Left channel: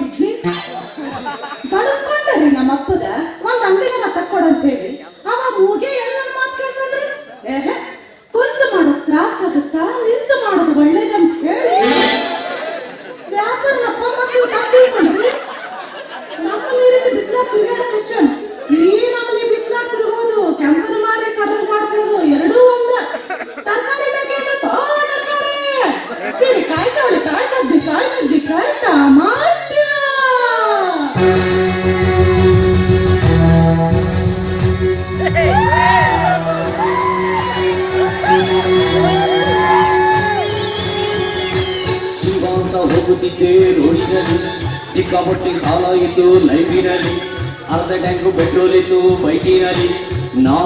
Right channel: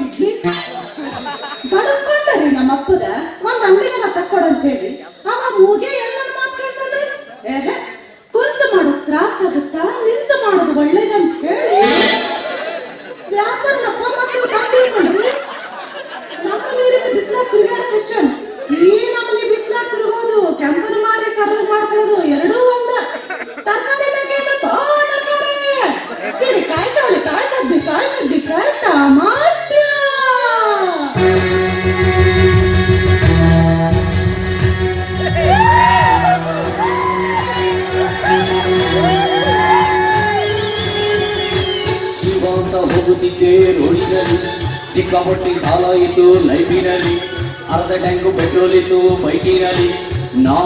ಬಿಡ್ಲಿ ಬಡ್ಕೊಂಡ್ರಿ ನಮ್ಮ ಅಪ್ಪದ ಒಂದ್ ಅಂಗಡಿನ ತಕ್ಕೊಡಂತ ಹೇಳಿ ಅವ ಮೂಗೆ ಎಲ್ಲ ಮಾತಾಡ್ತಾನೆ. ಕುಂತು ಮಾಡೋದು ತ್ರಾಸ ಆಗುತ್ತಾ ನಿಂತು ಮಾಡೋದು ಒಳ್ಳೇದಂತ ಹೇಳಿ ವ್ಯಾಪಾರ ನಮ್ಮ ಬಿಸ್ಲಾಕ್ ತಿರುಗಾಡ ಹೆಚ್ಚ ಇಡೀ ನಮಗೆ ಬಿಸ್ಲಾಕ್ ತಿರುಗೋದು ಕೆಂಪರ ಮಾರಿ ಕದರ್ ಮಾಡ್ಕೊಳ್ಳೋದು ಎರಡೂ ಒಂದ. ತರಕಾರಿ ಕಾಯಿ ಚೌಡಿ ಕಾಯಿ ಕಡ್ಡಿ ಕಾಯಿ ಟಮಾಟ್ಯ ಹೋಗುತ್ತಿದ್ದೆ ರೋಡಿನಲ್ಲಿ, ಸಿಕ್ಕಾಪಟ್ಟೆ ಸಾಲ ಇತ್ತು ಲೈಫಿನಲ್ಲಿ, ಅರ್ಧ ಟ್ಯಾಂಕು ಪೆಟ್ರೋಲ್ ಇತ್ತು ಬೈಕಿನಲ್ಲಿ. ನಾ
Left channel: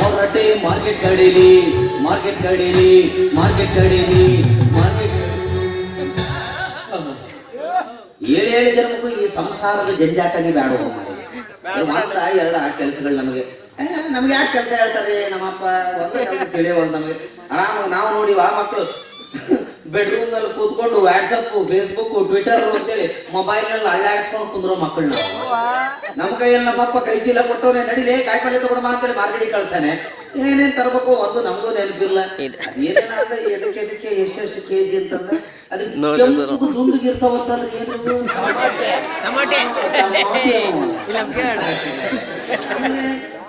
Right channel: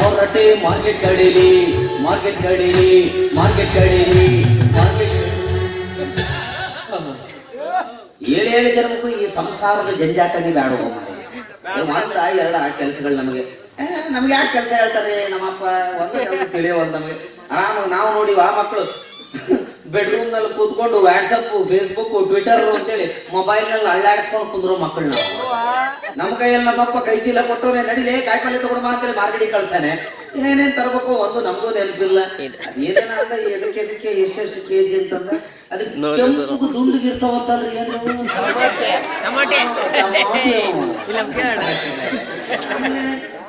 ಹೊರಟೆ ಮಾರ್ಕೆಟ್ ಕಡೆಯಲ್ಲಿ ಏಳು ಜನಕ್ಕೂ ಈ ಸಂಸಾರದ ಜಂಜಾಟನೇ ಬೇಡ ಮಾತ್ರ. ಎರಡು ಕೆಲಸಗಳು ನಮಗೆ ಯಾಕೆ ಕೆಲಸ ಹೇಳ್ತಾರೆ ನಮ್ಮಪ್ಪ ಒಂದು ತಿಳಿಯೋದು ನಮಗೆ. ಆರಾಮ ನಾವು ನೋಡಿವ ಮಕ್ಕಳು ಬೆಡ್ರೂಮ್ ನಲ್ಲಿ ಕೂತ್ಕೊಂಡು ವಾಟ್ಸಪ್ ಫೇಸ್ಬುಕ್ ಟ್ವಿಟರ್ ಅಂತೇಳಿ ಮೊಬೈಲ್ ನಲ್ಲಿ ಅಳ್ಳಾಡಿಸ್ಕೊಂಡು ಕುಂದ್ರು ಮಕ್ಕಳನ್ನ. ನಮ್ ಕೈಯಲ್ಲಿ ನಮ್ಮಪ್ಪ ಕೈ ಚೀಲ ಕೊಟ್ಟವ್ರೆ ನಡಿಲೆ ಕಾಯಿಪಲ್ಲೆ ತಗೊಂಡು ಅಂತೇಳಿ ಮಾರ್ಕೆಟಿಗೆ ಕಳ್ಸಾನೆ. ಏನೇನ್ ತರಬೇಕು ಒಂದು ನಮಗೂ ನೆನಪಿಲ್ಲ. ಎದಕ್ಕೆ ಎಷ್ಟೆಷ್ಟು ಕೆಜಿ ಅಂತಂದ್ರೆ ಅದಕ್ಕೆ ಕೆಂಪು ದುಂಡಿಗಿರ್ತಾವಂತಂದ್ರೆ ಏನು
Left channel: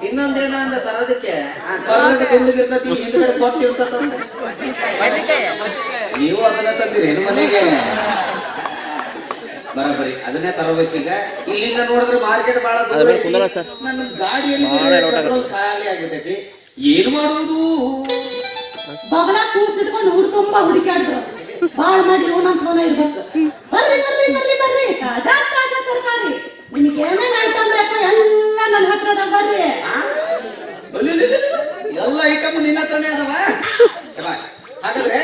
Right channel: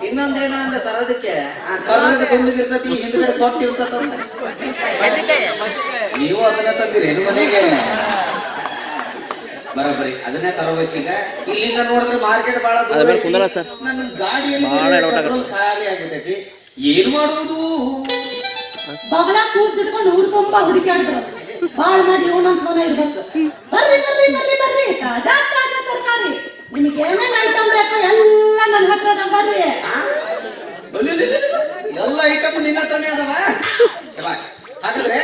ಇನ್ನೊಂದೇನ ಅಂದ್ರೆ ತರೋದಕ್ಕೆ ದುಂಡಿಗಿರ್ತತಿ ಹಿಂದ್ಗಡೆ ಕೊಟ್ಟಿರ್ತದ. ನೀವು ಅದನ್ನ ತಂದಿರಿ ಬರೋಬರಿ ಅದನ್ನೇ ತರೋಬೇಕೀಗ. ಇಲ್ಲಿಂದ ನೋಡಿದ್ರೆ ಮಾರ್ಕೆಟ್ ಬಹಳ ಖಾಲಿ ಆಗ್ಬಿಟ್ಟೈತಿ. ಏನ್ ಮಾಡುವುದು ಬಗಲ ಕೂಸಿಟ್ಕೊಂಡು ಹುಡ್ಕೊಂಬ ಹುಡುಕಾಡ್ತಾರೆ ಬಾಳ ಮಾಡಿ ನೋಡಂತ ಇರ್ಬೇಕು. ಬರ್ರಿ ತರಕಾರಿ ನಿಮ್ಗೆ ಏನೇನ್ ಐಟಮ್ ಬೇಕು ಎಲ್ಲ ನನ್ನ ಹತ್ರದ ಬರ್ರಿ. ಎಲ್ಲ ಐಟಮ್ ನಿನ್ನ ಹತ್ರನೇ ಅದಾವ. ಹಾಗಾದ್ರೆ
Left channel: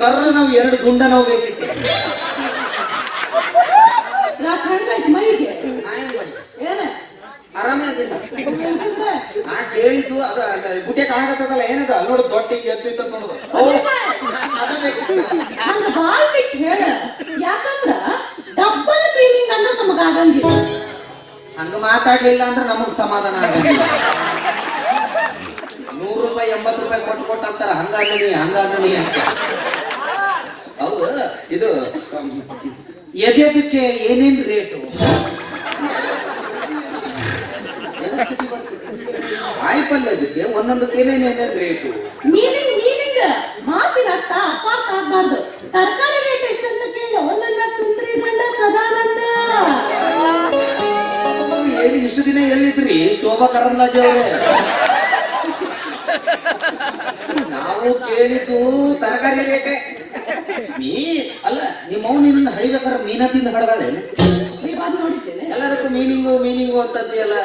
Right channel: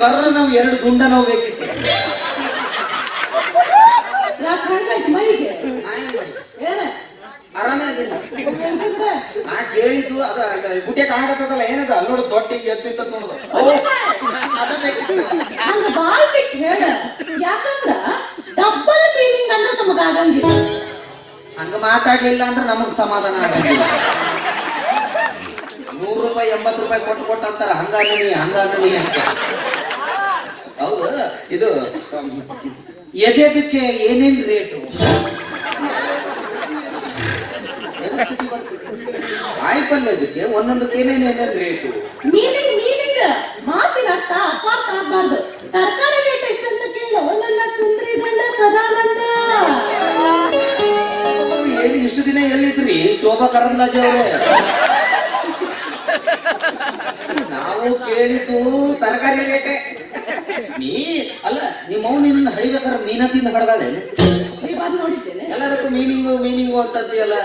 ಕರ್ರ ನಾವು ಎರಡು ಗುಂಡ ನಾವು ಬೇಕಿತ್ತು. ಆರಾಮಾಗಿಲ್ಲ ನಾ ಕೇಳಿದ್ದು ಅದ ಗುಟ್ಟೆ ಕಾಣಕತ್ತದಲ್ಲ ಏನದ ನೋಡು ತೊಟ್ಟಿಗೆ ಎತ್ತಿತ್ತ ನೋಡುದು ಅದ ಬೇಕು. ಹಂಗ ಮಾತಾಡ್ಲಿಲ್ಲ ಅಂದ್ರೆ ನಮಗ್ ಸಮಾಧಾನ ಆಗಂಗಿಲ್ಲ. 100 ರೂಪಾಯಿ 80 ರೂಪಾಯಿ ಕೊಟ್ಟು ಅಂತಾರ ಹಂಗಾದನಿ ಅಂತ. ಹೌದು ಇದು ಎದೆದಕ್ಕೆ ಏನೇನ್ ರೇಟು ಕಾಯಿಪಲ್ಯದಕ್ಕೆ ಒಂದೊಂದಕ್ಕೆ ಏನೇನೇನ್ ರೇಟು ಮಾತಿನ ಅರ್ಥ ಅಪಾರ್ಥ ಆಗ್ಬಾರ್ದು. ತರಕಾರಿ ರೇಟ್ ಎಷ್ಟಂತ ಕೇಳ ನನ್ನ ಸುಂದರಿ ಬಂಡ ಸದಾನಂದ. ಏನು ಇಷ್ಟು ದಿನ ಎಲ್ಲಿದ್ರಿ ಶೋಭಾ ಕರಂದ್ಲಾಜೆ ಅವರೇ? ನಾವು ಕೇಳಿದ್ದು ತರಕಾರಿ ರೇಟೆ. ಅಲ್ಲ ನಿಮ್ಮ ನಿನ್ನ ಹಡಿಬೇಕಾದ್ರೆ ಮೀನತಿಯಿಂದ ಹೊಡೆದಾಳೆ ನೋಡಿದ್ದೇನೆ. ಎಲ್ಲದಕ್ಕೂ ಮೀನಿಂಗು ಅಂತದ್ದಿ ಅಲ್ಲ.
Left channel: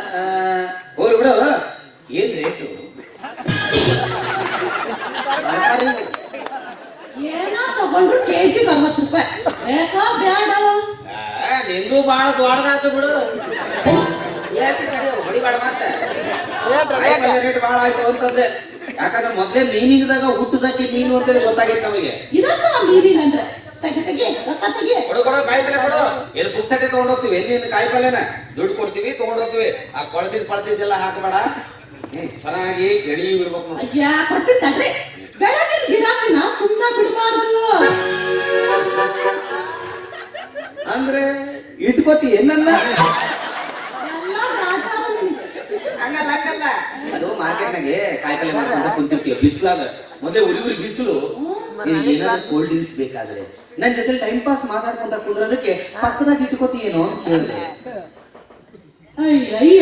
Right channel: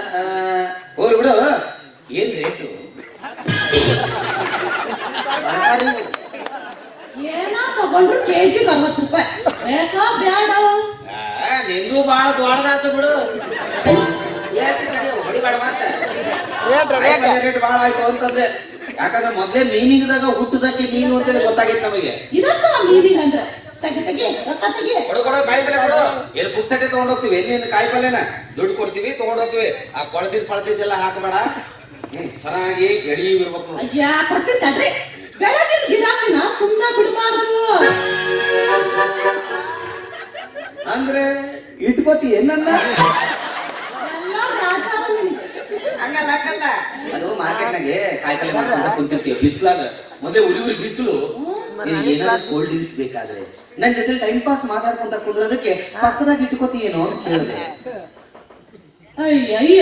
ಹೋಗಿ ಬಿಡು ಏನ್ ರೇಟು ಏನೋ ತಗೊಂಡು ಕೆಜಿ 40 ರೂಪಾಯಿ ಬೇಕಾ ಬ್ಯಾಡ? ನಿಂದು ಬಹಳ ದೊಡ್ಡದಾಯ್ತು ಬಿಡು. ಯಾಕೆ ಹೊಡಿಬೇಡ ಮಾತ್ರ ರೇಟ್ ಬಹಳ ಆಯ್ತು ಅಂತಂದ್ರೆ. ಯಾಕಂದ್ರೆ ಮೊದ್ಲೇ ಮೀನಿಂಗ್ದಾಗ ಹುಟ್ಟದಕ್ಕೆ ನೀನು ಅಂತೇಳಿ ಗೊತ್ತಾಗಿತ್ತು ನಮಗೆ. ಇದನ್ನ ಮೀನಿಂಗ್ ಅಂದ್ರೆ ಕೊಡು ಕಾಯಿಪಲ್ಲೆ ಕೊಡು. ಏನು ಬುಕ್ ಸಟ್ಟಿ ತಗೊಂಡ್ ಹೋಗ್ತೀವಿ ಎಲ್ಲಿ ಕಾಯಿಪಲ್ಲೆನ ದುಡ್ಡು ಕೊಡ್ತೀವಿ ತಗೊಂಡ್ ಹೋಗ್ತೀವಿ. ಆ ಪಳತಿದ್ದೆಲ್ಲ ಹಾಕಬೇಡ. ಚೆನ್ನಾಗಿ ಎಳಿ ಇರ್ಬೇಕು. ಅಯ್ಯ ಕೊಡ್ತಿದ್ದಾಡ್ರಿ ಬೆಳಗಿನ ಗಿರಾಕಿನ ಸುಮ್ಮನೆ ಬಿಡಬಾರ್ದು ಅಂದ್ರೆ ಇಟ್ಕೋತಿ ಏನನ್ನ ಹಂಗಲ್ಲ. ಅದು ಮಾರ್ಕೆಟ್ನಾಗೆ ಕಾಯಿಪಲ್ಲೆ ಮಾಡ್ಕೊಂಡು ಕುಂತಿರ್ತೀವಿ ಬಿಸಿಲಾಗ. ಮೊದಲೇ ಉರಿ ಬಿಸಿಲು. ನಿನಗೆ ಏನಾದ್ರು ಕೋಲ್ಡ್ ಡ್ರಿಂಕ್ಸ್ ಬೇಕಾದ್ರೆ ನನ್ನ ಜೊತೆ ಟೈಮ್ ಪಾಸ್ ಮಾತಾಡ್ಕೊಂತ ಕುಂದ್ರೋದಕ್ಕೆ ಪಕ್ಕದಾಗ ಇಟ್ಕೋತಿ ಏನು ಅಂತ ಹೇಳಿದೆ. ಅಯ್ಯ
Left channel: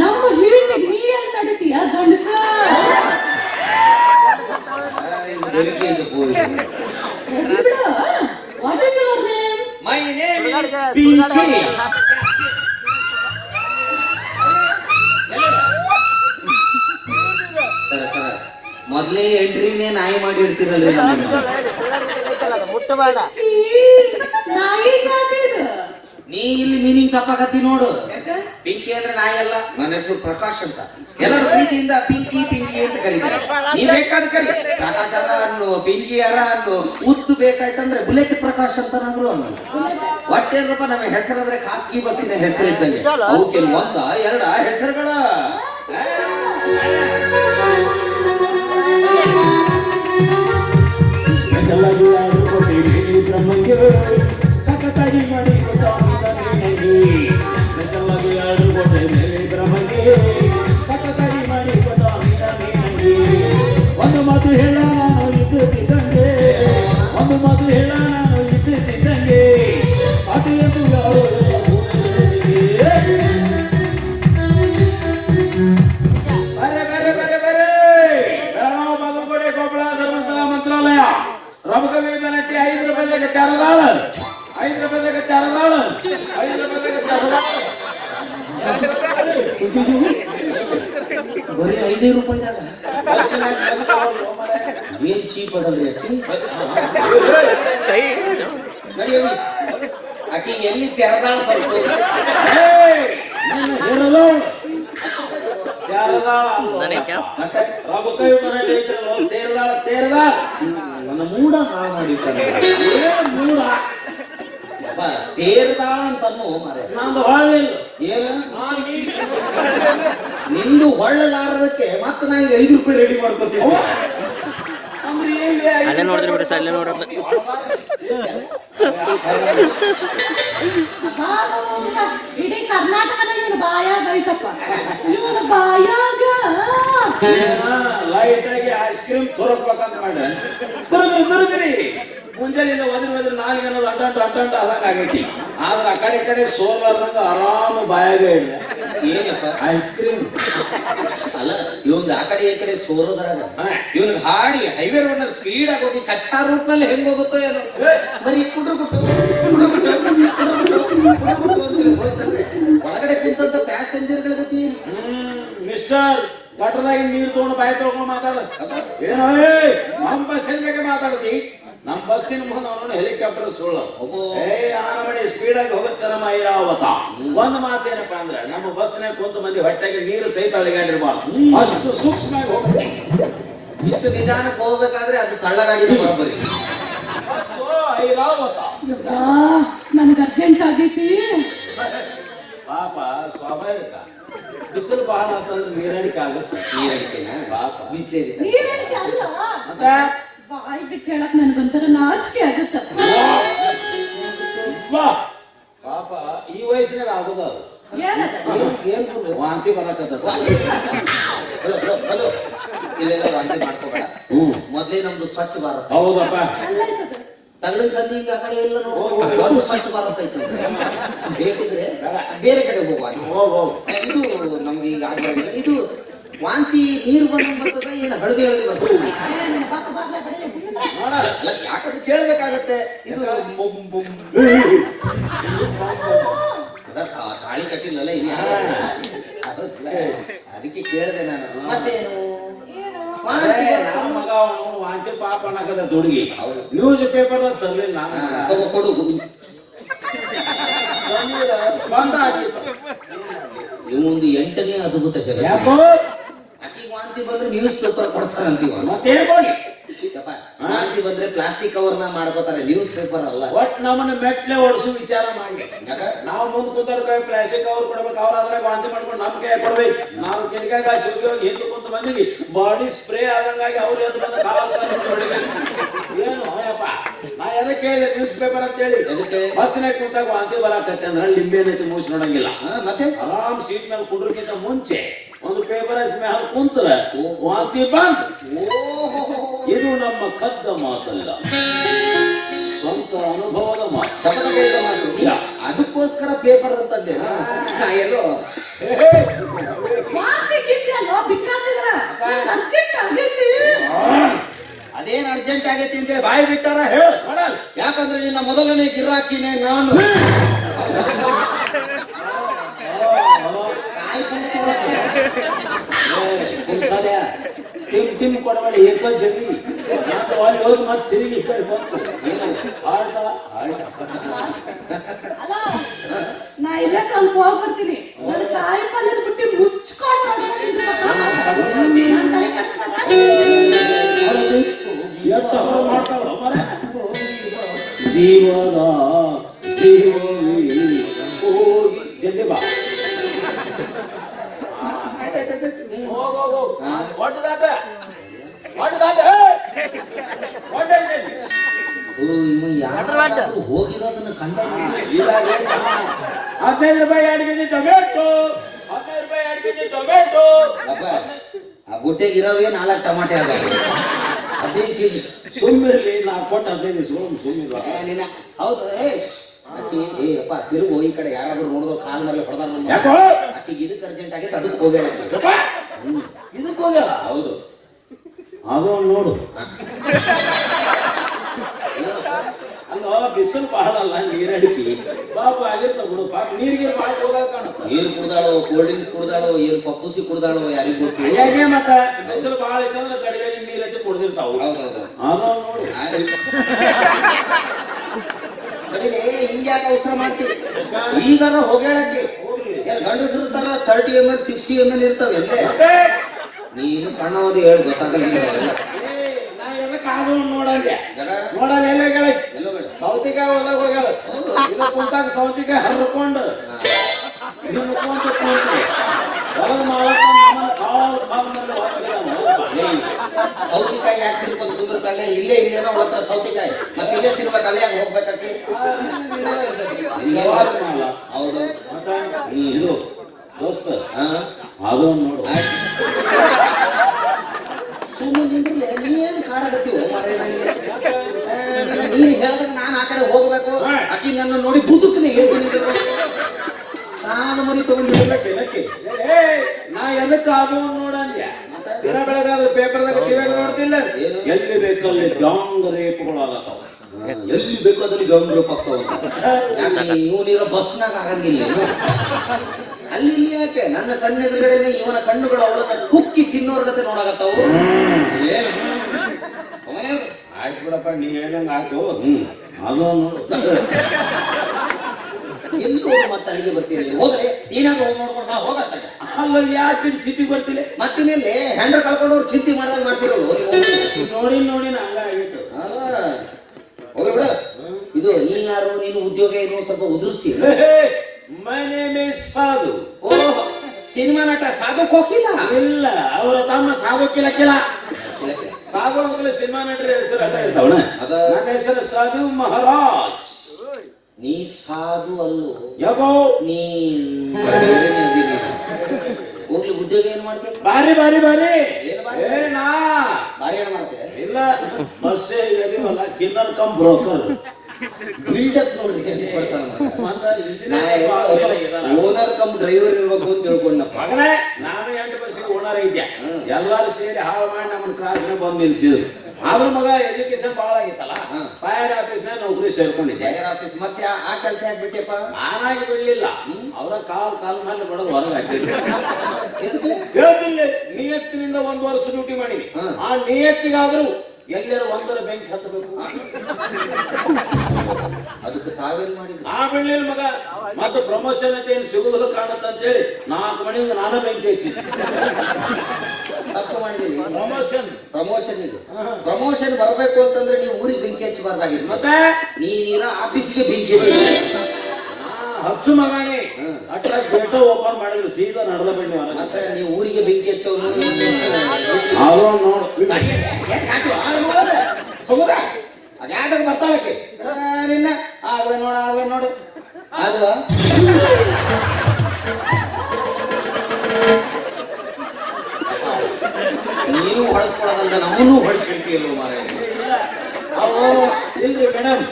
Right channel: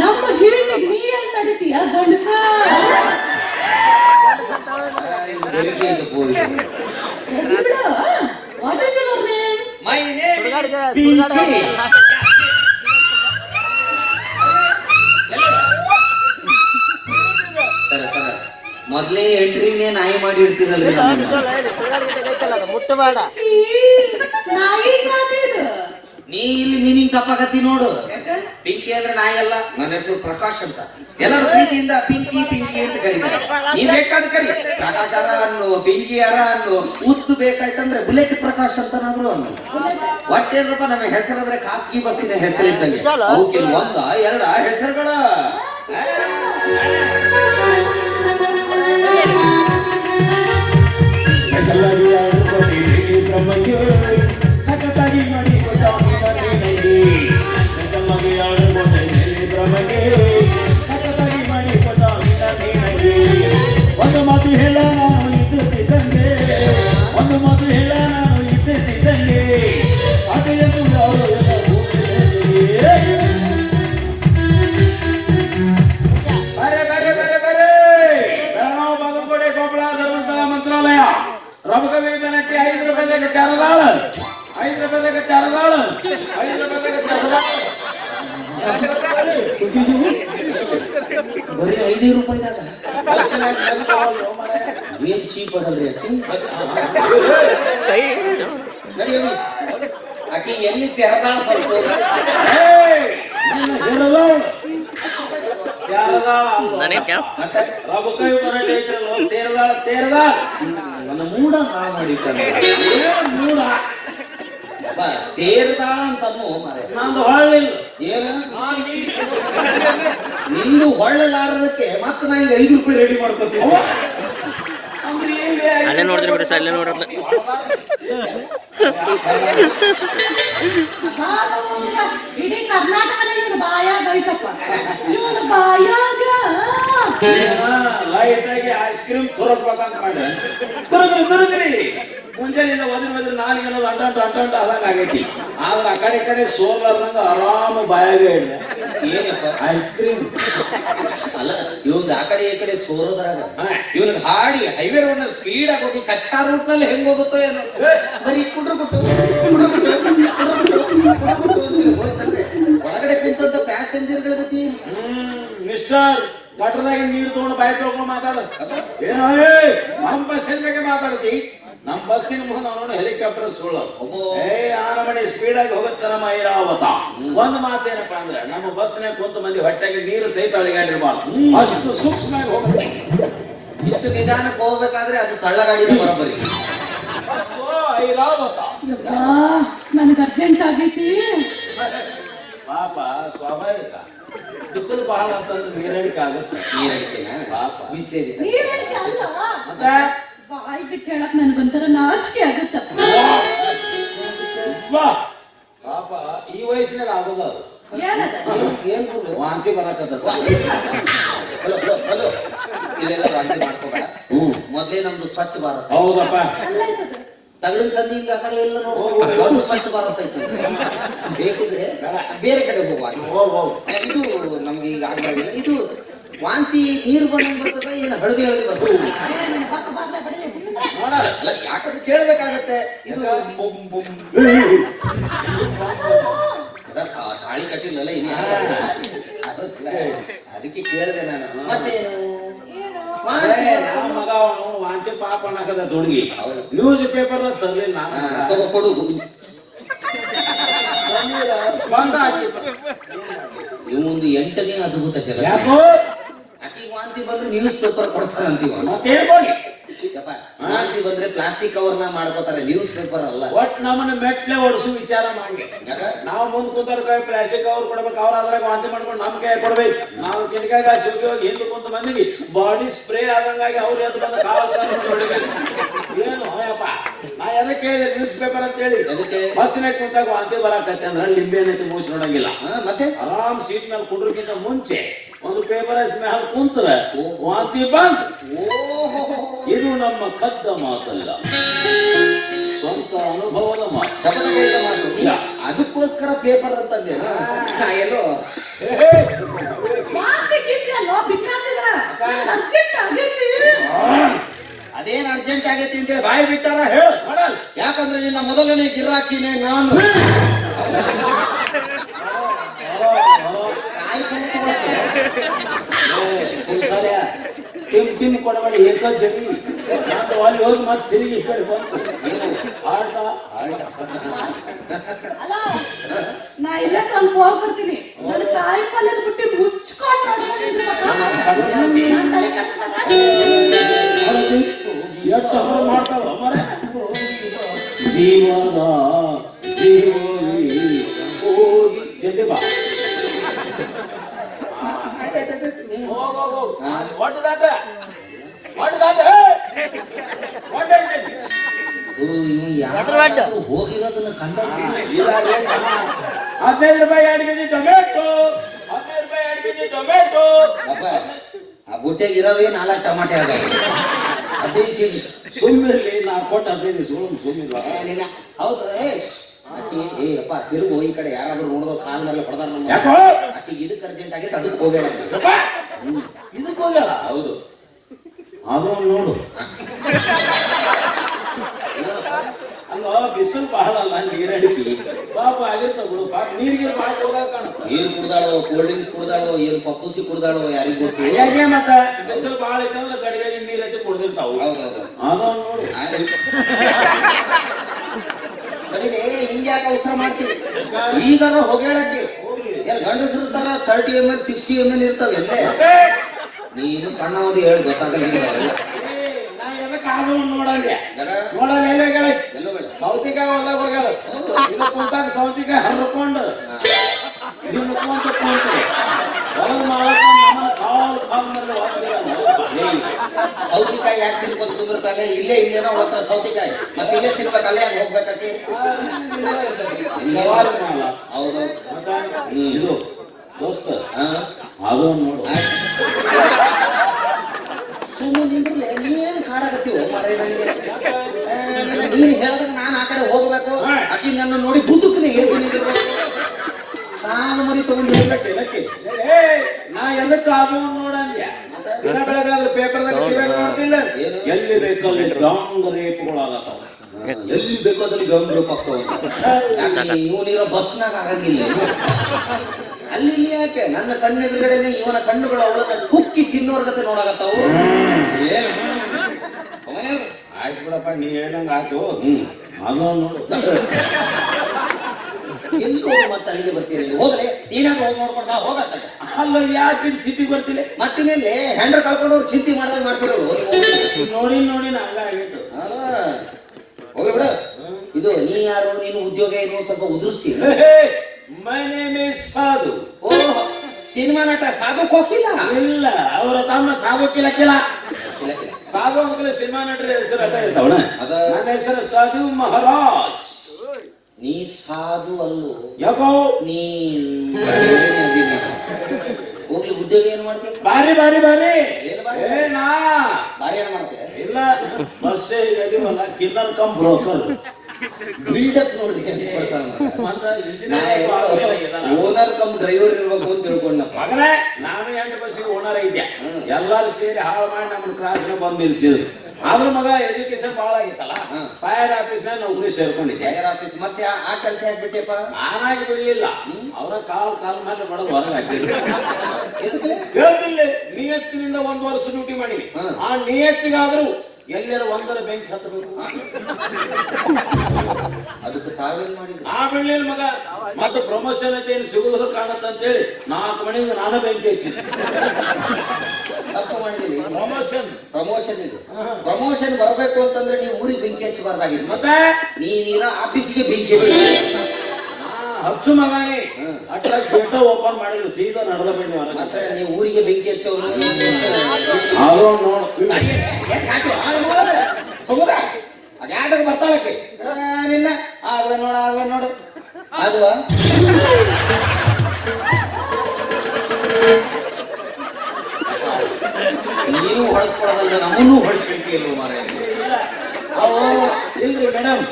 ನಮ್ಮ ಹಿಡಿದ ನೀರಲ್ಲಿ ನಡೀತೀಯ ಗಂಡಸ. My name is Pinky. ಮೊದಲೇ ಎಂಟ್ರಿನೇ ನಾಯಿ ಮಾಡಿ ಇಡ್ತೀರಲ್ರಿ ನೀ ಇಲ್ಲಿ ಮೀನಿಂಗ್ ತಪ್ಪಾಗತ್ತಿ ನೋಡು. ಪಿಂಕಿ ಅಂದ್ರೆ ನಾಯಿ ಅಲ್ಲ, ನನ್ನ ಹೆಸರು ಪ್ರಕಾಶ್ ಅಂತ. ಎಲ್ಲರೂ ಪ್ರೀತಿಯಿಂದ ಪಿಂಕಿ ಪಿಂಕಿ ಅಂತ ಕರೀತಾರೆ. ನೀ ಬೇಕಾದ ಕರಿ, ಪ್ರಕಾಶ್ ಅರ ಅನ್ನು, ಪಿಂಕಿ ಅರ ಅನ್ನು, ಉತ್ತು ಬೇಕಾಯ್ತಂದ್ರೆ ಬುಲೆಟ್ ಪ್ರಕಾಶ್ ಅಂತ ನಾದ್ರು ಅನ್ನು. ಒಟ್ಟೇನಪ್ಪ ನಮಗೆ ಹೆಸರಾದ್ರೆ ಖಾಸಗಿ ಬಸ್ಸಿನ ಹೆಸರಿದ್ದಂಗೆ. ಅವಕ್ಕೆ ಒಂದ ಎರಡ ಹೆಸರುಗಳ ಸಖತ್ತಾಗಿ ಮಾಡಿ ಸಖತ್ತಾಗಿ ಮಾಡಿ ಕೊಟ್ಟ ಒಂದು ಮಾತು ಹೇಳ ನಾವು ಇದ್ದಿದ್ದಂಗೆ, ಒಂದು ಮಾತು ಹೇಳ ನಾವು ಇದ್ದಿದ್ದಂಗೆ ಅದು ಎಂದು ಯಾರು ಬೆಳಗಾವಿ ಬಾಗಲಕೋಟೆ ಕೊಪ್ಪಳ ಧರ್ಮಸ್ಥಳ ಮಂತ್ರಾಲಯ ರಮಕವಿ ಬೆನಟ್ಟಿ 5 ರೂಪಾಯಿದಾಗ ತೆರದಾಳ, 5 ರೂಪಾಯಿದಾಗ ತೆರದಾಳ, 5 ರೂಪಾಯಿದಾಗ ತೆರದಾಳ. ಬರೀ 5 ರೂಪಾಯಿದಾಗ ಏನ್ ಚೀಪ್ ಅದಲ್ರಿ ಆಕಿ ಎಲ್ಲಿ ತೆರದಾಳ ಸ್ವಲ್ಪ ರಮಕವಿ ಬೆನಟ್ಟಿ ತೆರದಾಳ ತೆರದಾಳ ಮೂಡ ಹಾಳು ಮಾಡಿದ್ದೇನೆ. ಮೂಡ ತೇರ್ದಾಳ ಅಂತನೂ ನಂದು ಹೊಳ್ಳಿಲ್ಲ ಏನು ನಿಂದು ಹೊಳ್ಳಲಾರದಕ್ಕೆ ಮತ್ತೆ ನಾ ಈಗ 5 ರೂಪಾಯಿ ರೆಡಿ ಮಾಡ್ಕೊತೀವಿ. ಅಲ್ಲೇ ನೋಡಿದ್ರೆ ಬಿಡಿ ಸರ್, ಅಲ್ಲೇ ನೋಡ್ರಲ್ಲ. ಇಡೀ ಕರ್ನಾಟಕನೇ ಇವ್ರ ಬಾಯಾಗ ಐತಪ್ಪ, ಇವ್ರ ಬಾಯಾಗ ಲೈಟ್ ಆಗಿ ಐಸ್ ಕ್ರೀಮ್ ತುರಕ್ಬೇಕಂತ ಮಾಡ್ರಿ ತುರುದ್ರಿ ಮುಂಜಾನೆಯಿಂದ ಒದ್ರ ನಾಲ್ಗೆ ಅನ್ನೋದು ಅಡ್ಡಂಟು ಆದಂಗ ಆಗೈತಿ. ಆದ್ರೆ ಆ ಕಡೆ ಸೋರ್ಬಾರ್ದಂಗ ಆರಾಮ ಬಾಯಾಗ ಏನಪ್ಪ ಐಸ್ ಕ್ರೀಮ್ ಅಲ್ಲ ಇವಂದು ಆ ಕಡೆ ಈ ಕಡೆ ಸೋರೋದ್ರಾಗ ಇವ್ನಿಗೆ ಹಾಡಿ ಹೈವೇ ರೋಡ್ ನಲ್ಲಿ ಸ್ಪೀಡ್ ಆಗಿ ಹೋಗಿ ಕಚ್ಚಾ ರೂಟ್ ನಲ್ಲಿ ಹೆಂಗ್ ಹೋಗುತ್ತೋ ಏನೋ ಬರೀ ಒಳಗಡೆ ಕುಂತಂತ ಪ್ಯಾಸೆಂಜರ್ ಗತಿ ಮಿಸ್ಟರ್ ಗಟರ್ನಾಗಿ ನೀರು ತಗೊಂಡು ಬಾಯಿ ತಗೊಂಡು ಮಾತಾಡ ನಮ್ಮ ಬಸ್ಸಿನ ಮಾತಾಡ್ತಿ. ನಮ್ಮ ಬಸ್ಸಿನ ಮುಂದೆ ಅವನು ಹೆಲಿಕಾಪ್ಟರ್ ಸುಳ್ಳ ಆ ನಮ್ಮನೆ ಸ್ಪೀಡ್ ಆಗಿ ಹೋಗುತ್ತೆ ನಮ್ಮ ಐರಾವತ. ಒಂದು ಮಾತೇನಪ್ಪ ಅಂದ್ರೆ ನಮ್ಮ ಬಸ್ಸಿನಾಗ ಕುಂತ ಮಂದಿ ಹೊಟ್ಟೆಗೆ ನೀರು ಸಹಿತ ಅಳಿಗಾಡಿರ್ಬಾರ್ದು, ಅಷ್ಟು ಸೂಕ್ಷ್ಮ ಹೋಗುತ್ತೆ. ಇಷ್ಟು ನಿಧಾನಕ್ಕೆ ಹೋಗ್ಬೇಕಾದ್ರೆ ಅದು ತಳ್ಳಗಾಡಿ ಬರೋಬ್ಬರಿ ಐರಾವತ. ನನಗೆ ಅರ್ಜೆಂಟ್ ಆಗೈತಿ. ಪಾಪ ಸ್ವಾಭಾವಿಕ ಬಿಸಿಲು ಬಹಳ ಅಂತಂದ್ರೆ ನೀರಡಿಕೆ ಆಗುತ್ತೆ. ಪಾಪ ಬಿಸಿಲೇರಿ ನೀರಿನ ಅಲ್ಲ, ಬಾಯಿ ಬಿಟ್ಟು ಹೇಳಕ್ ನನ್ಗೊಂಥರ ನಾಚಿಕೆ ಆಗುತ್ತ. ಪಾಪ ಈ ವಯಸ್ಸಿನಾಗ ಆಗೋದಲ್ಲ ವಾಂತಿ ಬರಕತ್ತ. ಇಲ್ಲೆಲ್ಲ ವಾಂತಿ ಮಾಡ್ಕೋಬೇಡ. ಮೊದ್ಲೇ ನಮ್ದು ಸ್ವಚ್ಛ ಭಾರತ. ಹೌದಪ್ಪ, ತಗಡಿನ ಸಂದಿ ಆ ಕಡೆ ಎಲ್ಲ ನೋಡು ಸ್ವಚ್ಛ ಭಾರತ ಐತಿ. ಬೇಕಿದ್ರೆ ಬೇರೆ ಕಡೆ ಹೋಗುವ. ಇದು ನಮ್ಗೆ ಈಗ ಆಗ್ಬಾರ್ದು. ಇದು ವಾಂತಿ ನೀರು ಬಂದಂಗೆ ಬರ್ತದೆ, ಏನು ಹಳದಿ ಹಳದಿ ಬರ್ತದೆ. ಅಲ್ಲ ಯಾಕಂದ್ರೆ ಕೇಳ್ಬೇಕಾಗತ್ತೆ. ಇದು ತಾಳಿ ಕಟ್ಟಿಲ್ಲಲ್ಲ ಇನ್ನು ಅದಕ್ಕೆ ಕೇಳಿದೆ ನಾನು. ಮತ್ತೇನು ಮಗ ವಾಂತಿ ಪಾಪ ಅನ್ನಕದ ದುಡುಗಿ ನ್ಯೂಸ್ ಪೇಪರ್ ತರಲಿಲ್ಲ ಕೊಡು ಇವೊಂದು 8ನೇ ಅದ್ಭುತ ಜಗತ್ತು. ಅಕ್ಕಿ ವಾಂತಿ ಬಂದ್ರೆ ನ್ಯೂಸ್ ಪೇಪರ್ ಕೊಡ್ತಾರಂತೀವ. ವಾಂತಿ ಬಂದ್ರೆ ಪ್ಲಾಸ್ಟಿಕ್ ಕವರ್ನ ಮಾಡ್ಕೋತಾರೆ, ನ್ಯೂಸ್ ಪೇಪರ್ ಅಲ್ಲ. ಒಟ್ ನಮ್ಮನ್ನ ಮೆಟ್ಲೆ ಓಡಿಸು ವಿಚಾರ ಮಾಡಿ. ನಾವು ಮುಂದ್ ಕೂತಾರ ಪ್ಲಾಸ್ಟಿಕ್ ಕವರ್ ಕೊಡ್ಬೇಕು, ಅವ್ರ ಅದ್ರಾಗ ವಾಂತಿ ಮಾಡ್ಕೊಂಡು ನಮ್ ಕೈ ಕೊಡ್ಬೇಕು. ನಾವು ಕೆಳಗಾಗ ಶಿವಜೋಗಿ ಹಿಂದೆ ಕುಂತ ಮಂದಿಗೆ ಬಾಡಿ ಸ್ಪ್ರೇ ಆದಂಗಾಗಿ ಅವ್ರು ಅದು ಬಂದ ಏನು ಅಯ್ಯಪ್ಪ. ನಾ ಎದಕ್ಕೆ ಹೇಳಿದೆ ನ್ಯೂಸ್ ಪೇಪರ್ ಅಂತ ಹೇಳಿ, ಬಸ್ಸಿನಾಗ ಕೂತಾಗ ವಾಂತಿ ಬರಕತ್ತೆ ಅಂದ್ರೆ ಲಿಂಬೆ ನೀತಿ ಮೂಸಿ ನೋಡಂಗಿಲ್ಲ. ಮತ್ತೆ ಆರಾಮ್ ಸೀಟ್ ಮೇಲೆ ಕುಂಡ್ರಕ್ಕಿಂತ ಮುಂಚೆ ಒಂದು ಪೇಪರ್ ಮೇಲೆ ಕುಂತ್ರ ವಾಂತಿ ಬಂದ್. ಇದು ನಮ್ಮ ಕದ್ದ ಮಾತಲ್ಲ, ಸ್ವಂತ ಅನುಭವದ ಮಾತು. ಅದಕ್ಕೋಸ್ಕರ ಪೇಪರ್ ಅಂತಂದೆ ಏನೋ ಅದೇನ್ ಅರ್ಜೆಂಟ್ ಆಗೈತಿ ಅಂತೇಳಿ ಬಾಯಿ ಬಿಟ್ಟಾರ ಹೇಳ. ಯಾಕಂದ್ರೆ ನಿನ್ನ ಮೊದಲನೇ ಗಿರಾಕಿನೇ ನಾನು. ತಿಮ್ ಕೊಡಬೇಡಿ ಏಕ ಜಗಿ ಅಲ್ಲಿ ಹೋಗಿ ಮತ್ತೆ ತಿರುಗಿ ಆಟ ನಾ ಇಲ್ಲ ಸ್ವಲ್ಪ ಹೋಗ್ಬಿಡ್ತೀನಿ. ಅದು ಹೋಗಿರೋದನ್ನ ಕಂಡು 15 ರೂಪಾಯಿ 2 ಕೆಜಿ ಟೊಮೆಟೊ, 15 ರೂಪಾಯಿ 2 ಕೆಜಿ ಟೊಮೆಟೊ. ಅಪ್ಪ ಆ ಗುಟ್ಟೆಗಿರೋವೇ 4 ಟಮಾಟೆ ಅದ 15 ಕೆಜಿ ಸುಮ್ಮನಿರ್ಲಿ, ನಾ ಕೊಟ್ಟು 15 ಸುಮ್ಮನಿಲ್ಲ. ಹೌದು ಅಪ್ಪ ತಿರುಗು ಈ ಕಡೆ ಯಾರಾದ್ರೂ ನೋಡೋ ಕಾಲ ಮೇಲೆ ಹೊಡೆದ ಯಾಕೋ ಆಕಿಗೆ ಇದಕ್ಕೆ ಅರ್ಜೆಂಟ್ ಆಗಿತ್ತು ಅದಕ್ಕೆ ಹೋಗಬೇಡ. ಇದಕ್ಕೊಂದಲ್ಲ ಹೌದು ಅದು ನೋಡು. ಅಲ್ಲ ಬಿಸಿಲು ಬಹಳ ಅಲ್ಲ, ನೀರಡಿಕೆ ಪಾಪ ಆಗಿರ್ತಾವ ಬಿಡು. ಪಾಪ ನೀರಿಗೆ ಬಾಳ ಕಾಣುತ್ತೆ. ನೀರು ಕುಡ್ದಾಳೋ, ಕೋಲ್ಡ್ ಡ್ರಿಂಕ್ಸ್ ಕುಡ್ದಾಳೋ, ಏನು ಪಪ್ಪುಸಿ ಕುಡ್ದಾಳೋ ಯಾರಿಗೂ ಗೊತ್ತು. ಹೇಗೆ ಮತ್ತೆ ಬಿಸಿಲು ಬಾಳ ಇತ್ತಂದ್ರೆ ಗಡಿಗೆ ನೀರೈತಿ ಕುಡ್ದಿರ್ತಾವ. ಹೌದೌದು ಹಿಂಗೆ ಯಾಕೆ ಅವಸರ ಮಾಡ್ತೀವಿ? ಈಗ ಹೋಗ್ಯಾಳಕ್ಕೆ ಗಂಡಸರು ತರ 30 ml 60 ml ಇರ್ತಾವೆ. ನೀನು ಸಣ್ಣವದು ಹೇಳಿ ಗೊತ್ತಾಗಲ್ಲ. ನೋಡಂಗೆ ನೋಡಲ್ಲ ಎಲ್ಲ ಸೌತಿಕಾಯಿ ಹೋದಾಗ ಹೋಗ್ಯಾಳ ಕುಂಟಾಗ ಸೌತಿಕಾಯಿ ಹರ್ಕೊಂಡು ಸೌತಿಕಾಯಿ ಯಾಕೆ ತಿನ್ಕೊಂಡು ಕುಂದಿರ್ತಾನೆ? ಇಲ್ಲೇ ಇಲ್ಲೇನ ಒಳಗ ಸೌತಿಕಾಯಿ ಮತ್ತೆ ಇಲ್ಲೇ ತಿನ್ಬೇಕು, ಅಲ್ಲೇ ಯಾಕೆ ಹೋಗ್ಬೇಕಾಕಿ? ಹೌದು ಇದು ದೋಸ್ತ ಅದು ನೋಡು. ನೀನ್ ಕಾಡಾಗತ್ತೀವೋ ನೀನ್ ಹೇಳಿದಾಗ ನಾನು ಆ ಕಡೆ ಹೋಗ್ಬೇಕು. ಆಕಿ ನನ್ನ ನೋಡಿ ಬುದುಕ್ನಿ ಹೇಳ್ತೀನಿ. ನಾನು ಮರಿ ತಗೊಂಡು ಹೋಗ್ಬೇಕು. ನಾ ಎದಕ್ಕೆ ಅದು ನೋಡಂದ್ಯ ದಿನ ಬೆಳಗಾದ್ರೆ ಪೇಪರ್ದಾಗ ಟಿವಿಯಾಗ ನೋಡ್ತಿಲ್ಲ, ಎಲ್ಲಿ ಬೇಕಲ್ಲಿ ಗಾಂಗ್ ರೇಪ್ಗಳಾಗತ್ತಾವ, ಎಲ್ಲಿ ಬೇಕಾದ್ರೆ ಗಂಗ್ ರೇಪ್ ಆಗ್ತಾವ. ಇವನಿರೋ ಬಸ್ನಾಗ ಆಗಂಗಿಲ್ಲ. ಅಲ್ಲಿ ಯಾಕೆ ನನ್ನ ಕಣ್ಣೆದುರುಗಡೆನೆ ಇವನ ಕಣ್ಣುಗಳು ಅವಳ ಹುಕ್ಕಿ ತಿನ್ನೋರ್ ಗತೆ ನೋಡಾಗತ್ತಾವು. ಆಯ್ತು ಬಿಡಪ್ಪ, ನೀ ಹೇಳ್ದಂಗ ಆಯ್ತು. ಅದು ನೋಡು ಎಲ್ಲಿ ಹೋಗಿ ಮತ್ತೆ ಅಲ್ಲಿಗೆ ಬರ್ತೀನಿ. ಹೋದ್ರೆ ನೀನಾದ್ರೂ ಹೋಗಿ ನೋಡ್ಕೊಂಡು ನಾ ಹೋಗತ್ತಾನೆ. ಅಲ್ಲ ಯಾಕೆ ಸಿಟಿ ಬರ್ತೀನಿ ಮತ್ತಿನಲ್ಲಿ ಹ್ಯಾಂಡರ್ ಕಳ್ಕೊಂಡವ್ರು ಚಿಂತೆ ಮಾಡ್ದಾಗ ಮಾಡ್ತಿರೋರು. ನೋಡಿ ನೋಡಿ ಹಂಗ ಆಗಿತ್ತು. ಹೋಗಿ ಬಿಡು. ಇದು ನೀ ಯಾರು, ನೀನು ಉದ್ಯೋಗ ಏನು ಸ್ವಲ್ಪ ಉದುರಿಸ್ತೀನಿ. ಮೈ ನೇಮ್ ಇಸ್ ಸಾಧು. ಓ ಸಿನಿಮಾ ನಟ ಸಾಧು ಕೋಕಿಲ? ಇಲ್ಲ, ಅವರ ತಮ್ಮ ಸಾಧು ಕಿಲಕಿಲ. ಸಾಧು ಅಂದ್ರೆ ಸಿನಿಮಾ ನಟರ ಹೆಸರು ಅದ. ನನ್ನ ಹೆಸರು ಸಾಧು ಮಹಾರಾಜ್. ನೀ ಸಾಧು ಅಲ್ಲೋ ಯಾಕೋ ನೀ ಹೋಗ್ಲಿ. ಉದ್ಯೋಗ ಏನ್ ಮಾಡ್ತೀವಿ? ಬಾರಿ ಬಾರಿ ಬಾರಿ ಏನಾ ಬಾರಿ ಏನ ಮಾಡ್ತೇವೆ? ಇಲ್ಲ ಬಸ್ಸೇ ಕಿನ್ನರ್ ಕಮ್ ಬ್ರೋಕರ್ ಬಿಲ್ಡಪ್ ನೋಡಿ ಓನರ್ ಕಮ್ ಡ್ರೈವರ್ ಇರ್ಬೇಕು ಅಂತ ತಿಳ್ಕೊಂಡ ಮಗನೇ. ನಾನು 8 ಬಸ್ಸಿಗೆ ಓನರ್ ಇದ್ದೆ. ಎಲ್ಲರೂ ಸೇರಿ ಹಾಳು ಮಾಡಿ ನಮ್ಮ ಕ್ಲಾಸ್ನ ಬಂದು ನಿಲ್ಸಿದ್ರು. ಆದ್ರೂ ಮಗ ಎಜುಕೇಶನ್ ಬಹಳ ಆಗಿತ್ತಲ್ಲ, ಫೈರ್ ಆಫೀಸ್ ನ ನೌಕರಿ ಸೇರ್ಕೊಂಡಿದ್ದೆ. ಫೈರ್ ಆಫೀಸ್ ಮತ್ತೆ ಆ ಕೆಲಸ ಹಾಕ್ಬಿಟ್ಟೆಪ್ಪ. ನಾನಾಗಿ ಬಿಡ್ಲಿಲ್ಲ, ಅವರ ಕಾಲ್ ಮೇಲೆ ಬಡದು ಹೊರಗೆ ಹಾಕ್ತಿದ್ದೆ. ಹೇಳ್ತಿಲ್ಲ, ನಿಯತ್ತಿನಿಂದ 1 ವರ್ಷ ಡ್ಯೂಟಿ ಮಾಡಿ ಆ ನಿಯತ್ತಿಗಾದ್ರೂ ಎಲ್ಲರ ಒಂದರ ಬೆಂಕಿ ಹತ್ತಬೇಕು. ಅದಕ್ಕೆ ತಾವೇನ್ ಮಾಡಿದ್ರು? ಆ ಬೆಳ್ಳಿಯಲ್ಲಿ ಮಗ ಮತ್ತೆ ಪ್ರಮೋಷನ್ ಅಂತ ಏನು ಸಿಗುದ್ರು ಕಾಣುತ್ತ ಅಂತೇಳಿ 4 ಮನೆಗೆ ನಾನು ಬೆಂಕಿ ಹಚ್ಚಿದ್ದೆ. ತಪ್ಪು ಮಾಡಿದ್ರಿ. ಪ್ರಮೋಷನ್ ಇದೆ. ಪ್ರಮೋಷನ್ ಬರಬೇಕು ಅಂತಂದ್ರೆ ನೀವು ಊರಿಗೆ ಬೆಂಕಿ ಹಚ್ಚಬಾರ್ದಾಗಿತ್ತು. ಮತ್ತೆ ನೀರ ಆಫೀಸ್ಗೆ ಬೆಂಕಿ ಹಚ್ಚು ಮಗನೇ. ಅಟ್ಟ ದೊಡ್ಡ ಓಪನ್ ಮಾಡಿದ್ರು, ಸೀದಾ ನಡ್ದ ಬನ್ನಿ. ನೀವು ಊರಿಗೆ ಬೆಂಕಿ ಹಚ್ಚೋನು ಸಮುದ್ರ ಅದ್ಯಾಗ ಬರ್ತಾಳಕ್ಕೆ ನಿನ್ನ ಆಗ ನೋಡು ಅದು ನೀವು ಹೊಳಸ್ಕೊಳ್ಳೋದಲ್ಲ, ನಮ್ಮನ್ನು ಹೊಳಿಸ್ಕೊಳ್ತೀಯಲ್ಲ ಮಾರ. ಇಲ್ರಿ ಮೇಡಮ್,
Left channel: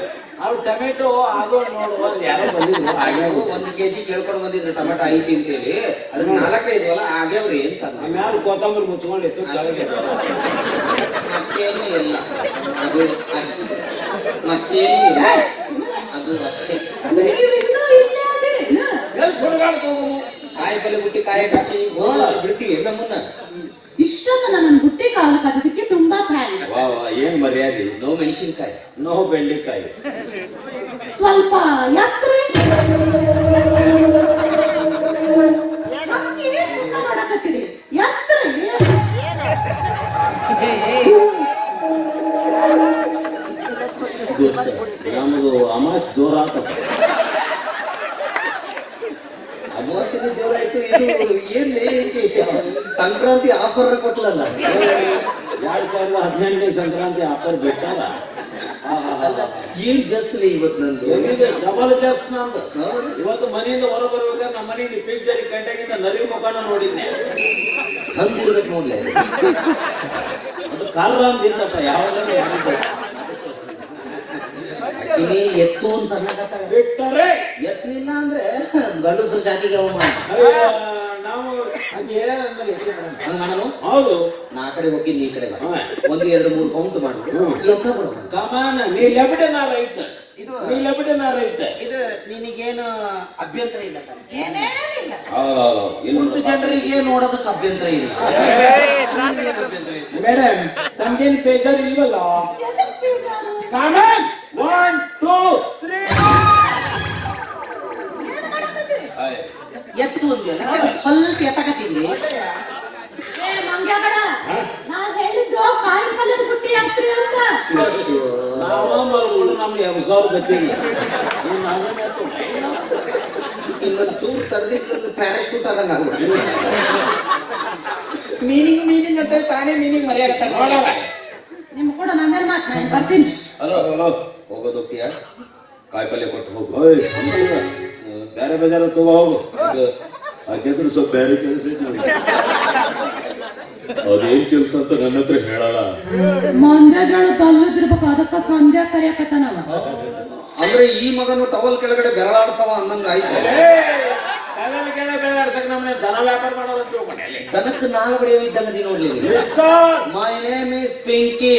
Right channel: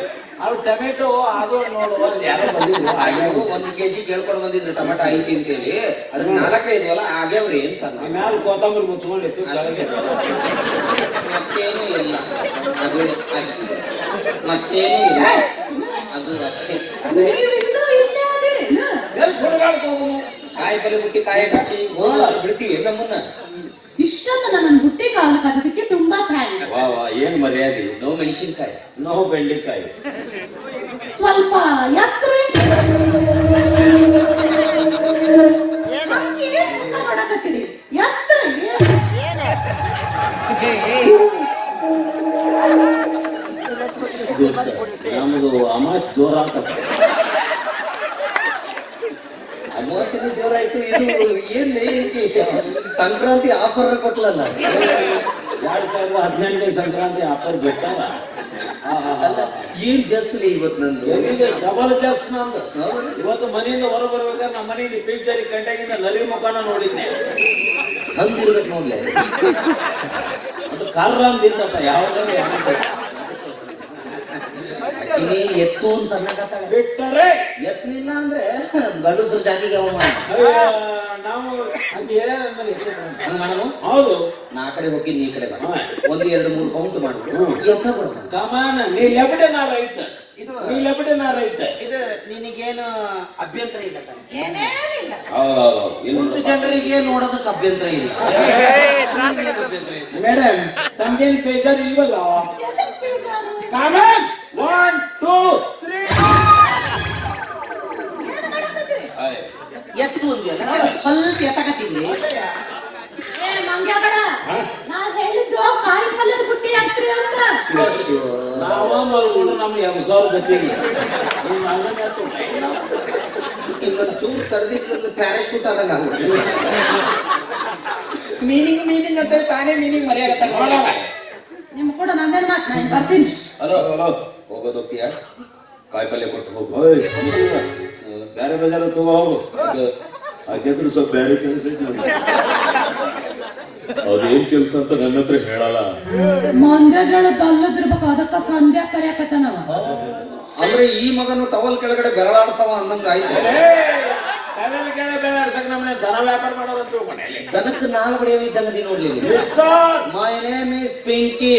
ಅವ್ರು ಟೊಮೆಟೊ ಆಗೋ ನೋಡು ಒಂದು ಯಾರೋ ಬಂದಿದ್ರು. ಹಾಗೆ 1 ಕೆಜಿ ಕೇಳ್ಕೊಂಡು ಬಂದಿದ್ರು ಟೊಮೆಟೊ ಐತಿ ಅಂತೇಳಿ. ಅದನ್ನ 4 ಇದವಲ್ಲ ಆಗ್ಯಾವ್ರಿ ಅಂತ ಮ್ಯಾಲ ಕೊತ್ತಂಬರಿ ಮುಚ್ಕೊಂಡಿತ್ತು. ಮತ್ತೇನು ಇಲ್ಲ, ಅದು ಅಷ್ಟೇ, ಮತ್ತೇನು ಇಲ್ಲ, ಅದು ಅಷ್ಟೇ. ಕಾಯಿ ಬಲಿ ಬಿಟ್ಟು ಕಾಯಿ ಕಚ್ಚಿ ಬಿಡ್ತೀವಿ ನಮ್ಮನ್ನ. ಇಷ್ಟೊಂದು ನನ್ನ ಬುಟ್ಟಿ ಕಾಲ ಕದಕ್ಕೆ ತುಂಬಾ ಥ್ಯಾಂಕ್ಸ್. ಏನ್ ಮರ್ಯಾದೆ. ನೋ ಮೆಣಸಿನ್ಕಾಯಿ, ನೋ ಬೆಂಡೆಕಾಯಿ. ಸ್ವಲ್ಪ ಎತ್ತರ ನಮ್ದು ಅಮಾಸ್ ಜೋರ ಅಮಾವಾಸ್ಯೆ ಜೋರಾಯ್ತು. ಇದು ಏನ್ ಸಂಕ್ರಾಂತಿ ಆಫರ್ ಕೊಟ್ಲಲ್ಲ, 2018 ಸಂಕ್ರಾಂತಿ ಆಫರ್ ಬಿಟ್ಟಲ್ಲ. ಏನ್ ಜಸ್ಲಿ ಇವತ್ತು ನಂದು ಡಬಲ್ ಚೆಸ್ ನಂದು ಹೌದು. ಇವತ್ತು ಮನೆಯಿಂದ ಹೊರ ಬರ್ಬೇಕಾದ್ರೆ ನಮ್ಮ ಮನೆಯಲ್ಲಿ ಪಿಂಚರಿ ಗಂಟೆಗಿಂತ ನಲಿ ಮುಖಾನ ನೋಡಿದ್ದೆ ಹಂಗಿರ್ಬೇಕು ನೋಡ್ಲೆ ಅದು ಕಾಲ್ರಾಮ್ ದಿನಪ್ಪ ಯಾವ್ದು ಅಕ್ಕಿನಿ ಎತ್ತು ಅಂತ ಅನ್ನಕತ್ತಾಳ. ಬಿಟ್ಟರೆ ಎತ್ತಲಿಲ್ಲ ಅಂದ್ರೆ ಗಂಡಸ್ರ ಜಾತಿಗೆ ಅವಮಾನ. ನಾವು ಅದು ಹೇಳಂದ್ರೆ ಹಂಗ್ ಮಾಡೋಣ. ಹೌದು ನಾ ಆ ಕಡೆ ಹೋಗಿ ನೀ ಈ ಕಡೆ ಬಾ. 1 2 3 ಕೌಂಟ್ ಮಾಡ್ಬಿಟ್ಟು ಎತ್ತ ಬರ್ತಾನೆ. ಕಮಾನ ನೀ ಲೆಬಡೆ ನಾ ರೈತ ಇದು ನೀ ಲೆಬಡೆ ನಾ ರೈತ ಇದು ನಿನಗೇನು ಅಭ್ಯಂತರ ಇಲ್ಲ ಕಣೆ. ಏನೇನಿಲ್ಲ. ಒಂದು ಜನರಿಗೆ ನೋಡೋದಕ್ಕೆ ಅಭ್ಯಂತರ ಇಲ್ಲ. ಮೇಡಮ್ ತಮ್ಗೇನು ಬೇಜಾರು ಇಲ್ವಲ್ಲ ಎದಕ್ ಬೇಜಾರು? ಕಾಮನ್ 1 2 3 ಏನು ಮಾಡಕತ್ತೀರಿ? ಎತ್ತು ಅಂದ್ಯಲ್ಲ ಸ್ವಲ್ಪ ಎತ್ತಕತ್ತೀನಿ. ಏ ಮಂಗ್ಯಗಡ, ನಾನ್ ಹೇಳಿದ್ದು ಕಾಯಿ ಪಲ್ಯದ ಬುಟ್ಟಿ ಹಾಕ್ತೀರಿ ಅಂತ. ನಾವು ಮಲ್ಕೊಂಡು ನಮ್ಗೆ 2000 ಗತಿಗೆ ಇನ್ನೊಂದು ಚೂರು ತಡೆದಿದ್ದು ಪ್ಯಾರಾಶೂಟ್ ಅದ ನಾವು ಮೀನಿಂಗ್ ಅಂತ ತಾನೇ ಮೀನಿಂಗ್ ಮರೆಯಾಗತ್ತ. ನಿಮ್ ಕೂಡ ನಂದೇ ಮಾತು, ನಾನು ಬರ್ತೀನಿ. ಹಲೋ ಹೋಗೋದೋಗ್ತೀಯ ಕಾಯಿಪಲ್ಯ ಕೊಟ್ಟು ಹೋಗು ಬೇರೆ ಬೇಜಾರ ತಗೋ ಹೋಗು ಹಾಕಿದ್ರು ಸ್ವಲ್ಪ ಬೇರೆ ಕೆಲಸ ನೋಡಿ ಅದೇನ್ ಕೆಲಸ ಅಂತ ನನ್ನ ಹತ್ರ ಹೇಳಲ್ಲ ಮಂದ್ಯಗಳು ಕಲ್ಲದಿರ್ಬೇಕು, ಅದಕ್ಕ ಸಂಧ್ಯಾ ಕರಿಯಾಕತ್ತ ನಾವು. ಅಂದ್ರೆ ಈ ಮಗನು ಟವಲ್ ಕೆಳಗಡೆ ಬೆರಳಾಡ್ತಾವ ಅಂದಂಗ ಆಯ್ತು. ನಮ್ಮನೆ ದನ ವ್ಯಾಪಾರ ಮಾಡೋದು ಮನೆಯಲ್ಲಿ ದನಕ್ಕೆ ನಾಲ್ ಬಡಿಯೋ ಇದ್ದಂಗ ನೋಡ್ಲಿ. My name is Pinky.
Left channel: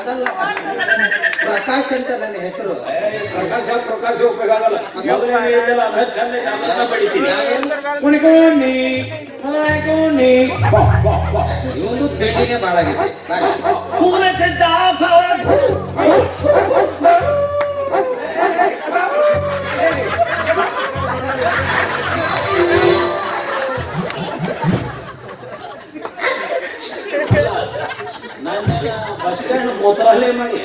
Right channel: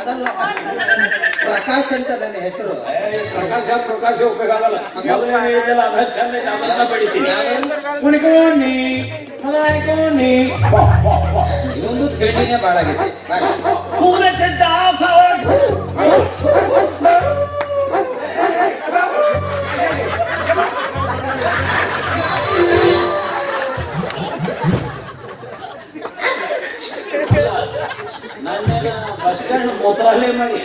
ಅದಲ್ಲ, ಪ್ರಕಾಶ್ ಅಂತ ನನ್ನ ಹೆಸರು. ಪ್ರಕಾಶ ಉಪಯೋಗ ಆಗಲ್ಲ. ಅದ ಚಂದ ಕಾಲ ಬಡಿತೀನಿ ಕುಣಿಕೋಣಿ ಕುಣಿಕೋಣಿ ಇವಂದು ತಿಂಡಿನೇ ಬಾಳಾಗಿದೆ. ಬಸ್ ಸ್ಟ್ಯಾಂಡ್ ಮೊದಲೇ ಮಾಡಿ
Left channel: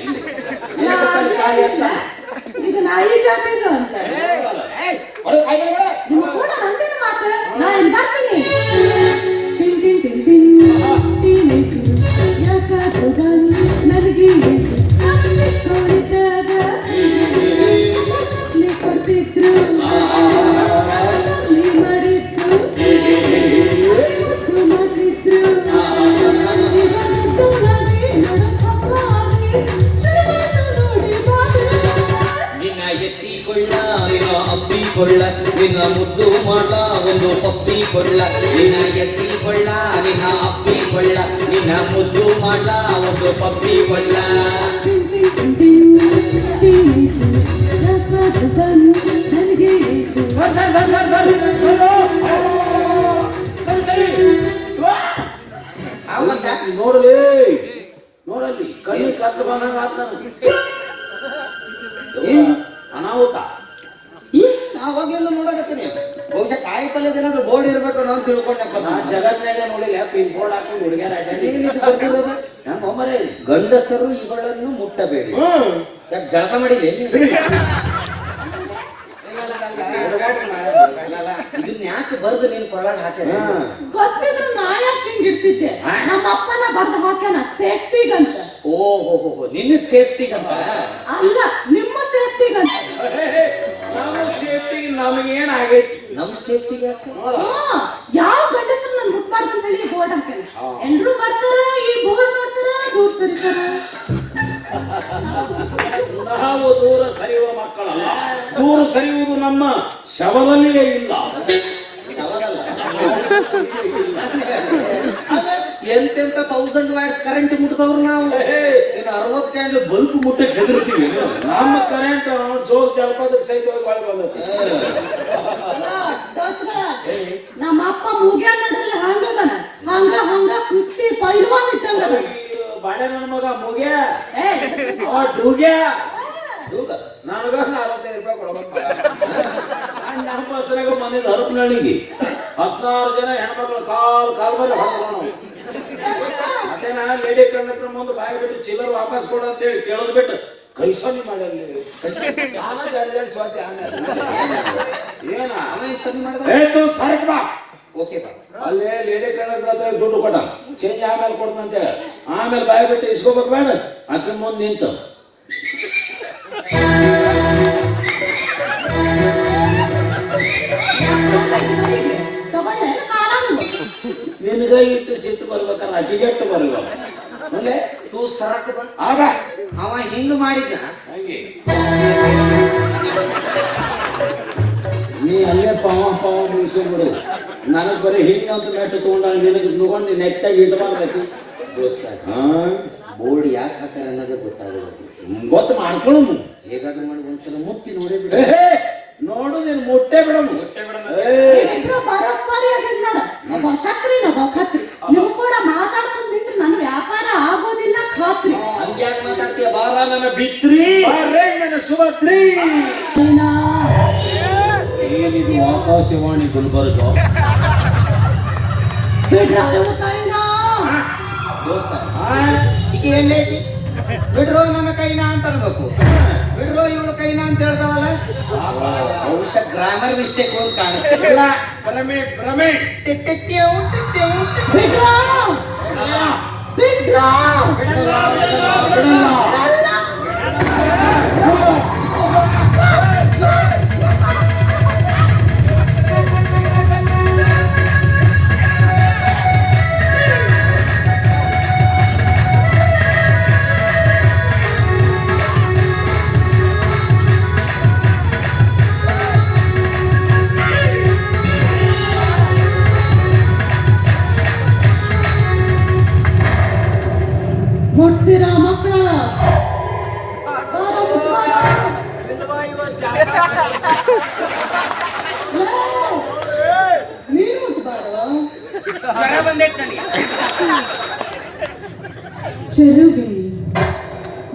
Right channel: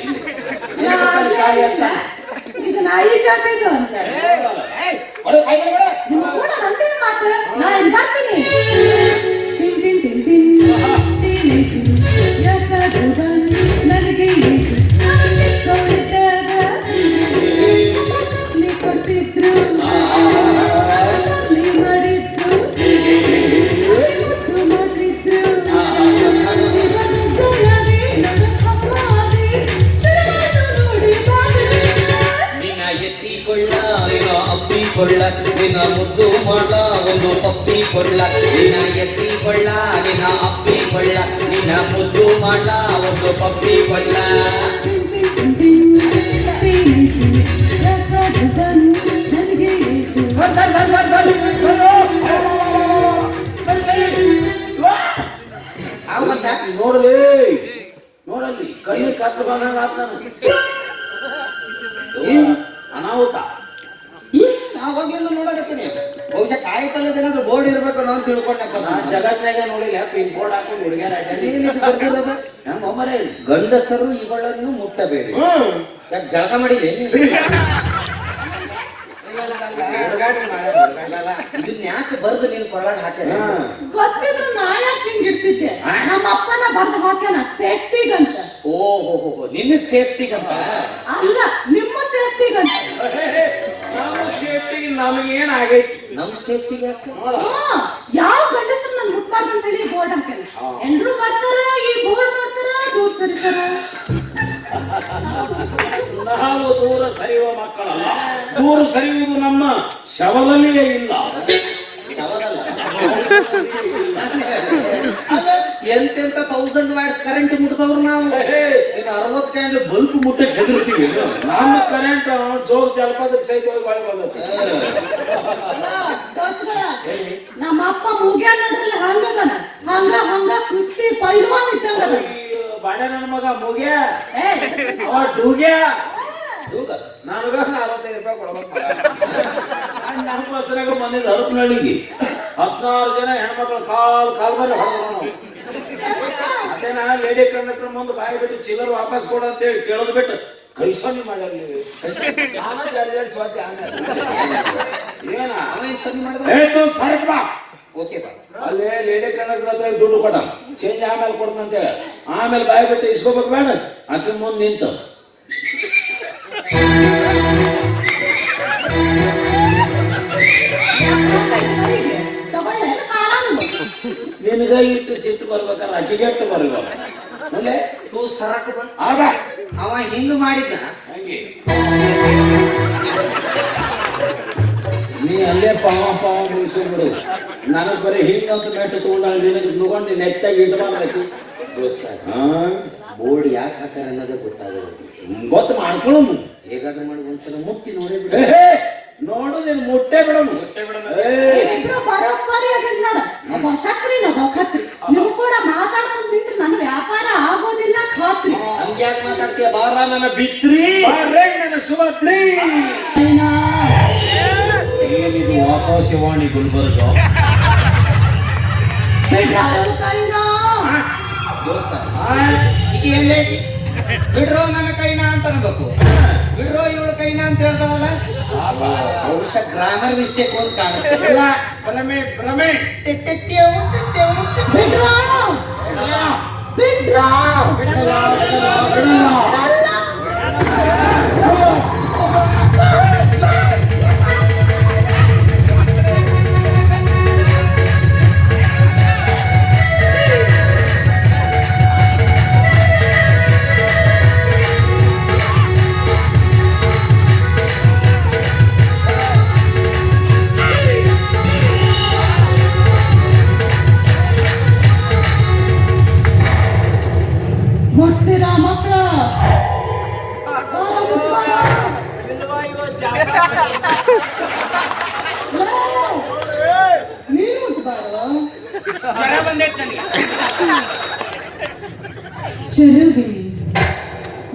ಇದು ನಾಯಿ ಜಾತಿದು ಅಂತ. ನಿಮ್ ಕೂಡ ನಂದೇ ಮಾತು, ನಾನು ಬರ್ತೀನಿ. Tin tin tin tin tin ಯಾಕಾದ್ರೂ ಬಂದು ನನಗೆ ಏಸು ಕೊಡ್ದಾಗ ನೀ ಕೊಡ್ತಿದ್ರು ನೀ ಮಾಡಿದ್ರು ಮಾಡಿದ್ರು ನಿನ್ನ ಎತ್ತಿಕೊಳ್ಳ ಅಪ್ಪಿಕೊಳ್ಳ ನಿನ್ನ ಮುದ್ದು ಮಾಡ ಒಂದು ಅಪ್ಪಿಕೊಳ್ಳ ನಿನ್ನ ಎತ್ತಿಕೊಳ್ಳ ನಿನ್ನ ಅಪ್ಪಿಕೊಳ್ಳ ನಿನ್ನ ಮುದ್ದು ಮಾಡ ಒಂದು ಪಪ್ಪಿಕೊಳ್ಳ ಯಾಕಾದ್ರೂ ಬಂದು ನನಗೆ ಏಸು ನೋಡ್ರಿ ನೋಡಲ್ಲಿ ಕಣ್ಣಿ ಕತ್ತು ಬಂದಾಗ ಅನಾಹುತ. ನಾವಾಗಿಂದ ನೋಡಕತ್ತೀನಿ. ಬಹುಶಃ ಕಾಯಿ ಪಲ್ಯದ ಏನಾದ್ರು ಬೋರ್ಡ್ ಇರ್ಬೇಕು ಅಂತ ತಿಳ್ಕೊಂಡಪ್ಪ. ನಾನ್ ಜಗತ್ನಾಗ ನೋಡಿಲ್ಲ ಪಿನ್ ಬೋರ್ಡ್ ಹಾಕೊಂಡು ಹುಡುಗಿಯರ ಏನಿದು ಬರ್ದಿರೋದು? ಒಮ್ಮರೇ ಗಂಡಸರು ಇವುಗಳನ್ನು ಮುಟ್ಟಬೇಡಿ. ಯಾಕೆ ಜಳಕ ಮಾಡಿದೆ ಇದನ್ನ ಯಾಕೆ ಬರೆದು ನೀನ್ ಕೊಳಗ ಹಾಕಿದೆ? ಗೊತ್ತಿದ್ರು ನಾ ಯಾಕೆ ಹಿಂಗ್ ಇರ್ತಿದ್ದೆ? ನಮ್ಮ ಅಪ್ಪನ ಬರ್ದ ಮಾತ್ರ ಸೇಫ್ಟಿಗಂತ. ಓಹೋ ನಿನ್ನ ಸೇಫ್ಟಿಗಂತ ಅಲ್ಲ, ನಿಮ್ಮ ಸೇಫ್ಟಿಗಂತ. ನಮ್ಮ ಸೇಫ್ಟಿಗೆ ನಮಗೇನ್ ಆಗೈತಿ? ನಮ್ ಸೇಫ್ಟಿಗೆ ಯಾವ ಗಂಡಸರು ನನ್ ಬಿಟ್ಬಾರ್ದು ಅಂತ ಹೇಳಿ ಬೋರ್ಡ್ ಹಾಕಲ್ಲ. ಎಲ್ರು ಮಾಡ್ತಾರ, ಈ ಬೋರ್ಡ್ ಮಾಡ್ತಾರ, ದೂರ ಸರಿತಾರ. ನಾವು ದೂರ ಸರಿಯುವ ಮಕ್ಕಳಲ್ಲ. ದೂರ ಸರಿಯುವುದು ನಮ್ಮ ಶವದಲ್ಲಿಯೇ ಇಲ್ಲ. ಎಂತೆಂತ 1000 ವ್ಯಾಟ್ಸ್ ಕರೆಂಟ್ ಮುಟ್ದವ್ರು ನಾವು. ಇನ್ನು 60 ಕ್ಯಾಂಡಲ್ ಬಲ್ಪ್ ಮುಟ್ಟಕ್ಕೆ ಹೆದರ್ತೀವಿ. ನಮ್ಮ ಕರೆಂಟ್ ಜೋಗ್ ಜಲಪಾತದ ಸಹಿತ ಬಾಳಿ ಬಂದೈತಿ. ನಮ್ಮ ಅಪ್ಪ ಮುಗ್ಯಾನ ನೋಡ್ರಲ್ಲ ಹಂಗದನ, ಹಂಗ ಕುಸ್ತಿ ಪೈಲ್ವಾನ್ ಇದ್ದಂಗದ. ಬಾಳೆ ನನ್ನ ಮಗ ಮುಗ್ಯ ಏ ಅವ ಡುಗ್ಯ ನನಗ 45 ರೂಪಾಯಿ ಕೊಡ್ಬೇಕು. ನಮ್ಮ ಬಸ್ರಾಗ ಮನೇಲಿ ಹರಪನಹಳ್ಳಿಗೆ 16 ಜನ ಹೆಣ್ಮಕ್ಳು ಕಾಲ್ ಮೇಲೆ ಹೊಡ್ಕೊಂಡು ಅದೇ ನಾನು ಲೇಡಿ ಕಂಡಕ್ಟರ್ ಮುಂದೆ ಬಾಯಿ ಬಿಟ್ಟು ಚಿಲ್ಲರ್ ವಾಪಸ್ ಕೊಡು ಅಂತ ಹೇಳಿ ಕೇಳೋದು ಬಿಟ್ಟು ಕೈ ಸೊನ್ನೆ ಮಾಡಲಿ ನಾನಾ ಎರಡು ಸ್ವಾತಿ ಏನ ಅವ ಸರಿ ಮಾಡಿದ ಏತು ಸರ್ಕ್ ಬಾ ಓಕೆ ಬಾ ಅಲ್ಲೇ ಲೇಡಿ ಕನ್ನಡ ದುಡ್ಡು ಕೊಡ ಚೇಂಜ್ ಆಮೇಲೆ ಕೊಡ್ತಂತ ಹೇಳಿ ಆಮೇಲೆ ಬಾಯಿ ಬಿಟ್ಟು ಇಸ್ಕೋಬೇಕು ಬೇಡ ಅದನ್ನ ಮುಂದೆ ನಿಂತು ತಗೊಳ್ಳೆ ಆರಾಮ ನಿನಗ ಇಟ್ಟು ಸಿಟ್ಟು ಬರ್ಬೇಕಲ್ಲ ಅಕ್ಕಿಗೆಟ್ಟು ಬರ್ಬೇಕು ಅಲ್ಲೇ ತೂ ಸರಕ ಬಾ ಆಗ ಅವ ಹಿಂಗ್ ಮಾಡಿದ್ದ ಹಂಗೆ ನೀ ಅಲ್ಲೇ ಪಾವ ಪಾವ ಮುಗಿಸ್ಕೊಂಡ್ಬಿಡು ನನಗೆ ಬರೀ ಹಿಂಗಂತ ಮೆಟ್ಟ ತಗೊಂಡಾಗ ನಿನಗೆ ತಗೊಂಡು ನೆಟ್ಟಾಗಿ ಇಟ್ಕೊಳ್ಬೇಕು ದೋಸ್ತ ಹಾ ಬೋರ್ಡ್ ಯಾಕೆ ಹಾಕ್ಯಾರ ಅನ್ನೋದೇ ಗೊತ್ತಾಗೋದು ಗೊತ್ತು ಮಾಡ್ಕೊಳ್ಳು ಹೇಗಾದ್ರೂ ಮಾಡಿ ಒಂದ್ಸಲ ಮುಟ್ಟಿ ನೋಡಿಬಿಡ ನೋಡು ನೀನು ಮುಟ್ಟೆ ಬಿಡము ಇಬ್ರು ಬರೋಬ್ಬರಿಯಾಗಿ ನೋಡು ಒಬ್ಬ ಛತ್ರಿ ಒಬ್ಬ ಖತ್ರಿ ನೀವು ಕೂಡ ಮಾತಾಡ್ಕೊಂಡು ನಿಂತ್ರೆ ನನ್ನ ವ್ಯಾಪಾರ ಆಗೋದಿಲ್ಲ ಖಾತ್ರಿ ಹಂಗ್ಯಾಕೆ ಮಾತಾಡ್ತೀಯ ಬಾರ ನನ್ನ ಬಿತ್ರಿ ನನ್ನ ಸುಮತ್ರಿ ಏನಿದು ಆಕಾಶವಾಣಿ ಗುಲ್ಬರ್ಗ ಬಿಡ್ರ ಹೇಳ್ತಾ ಇಲ್ಲ ದೋಸ್ತ ಈಗ ಏನ್ ಹೇಳ್ತಿ ಬಿಡ್ರೋ ನನ್ನ ಕೈನ ಅಂತ ಅನ್ಬೇಕು ಬಿಡ್ರೋ ಇವಳು ಕೈನ ಅಂತ ಹೇಳ್ತಾವಲ್ಲ ಬಹುಶಃ ಗ್ರಾಮರ್ ಮಿಸ್ಟೇಕ್ ಅಂತ ಕಾಣುತ್ತೆ ಭ್ರಮೆ ಭ್ರಮೆ ಬಿಡ್ರ ಬಿಡ್ರ ಮುಟ್ತೀರಾ ಮಕ್ಕಳ ನೀನು ಮುಟ್ಬಾರ್ದು ಜ್ವರ ಬಂದೈತೆ ನನಗೆ ಚೆಲುವಿ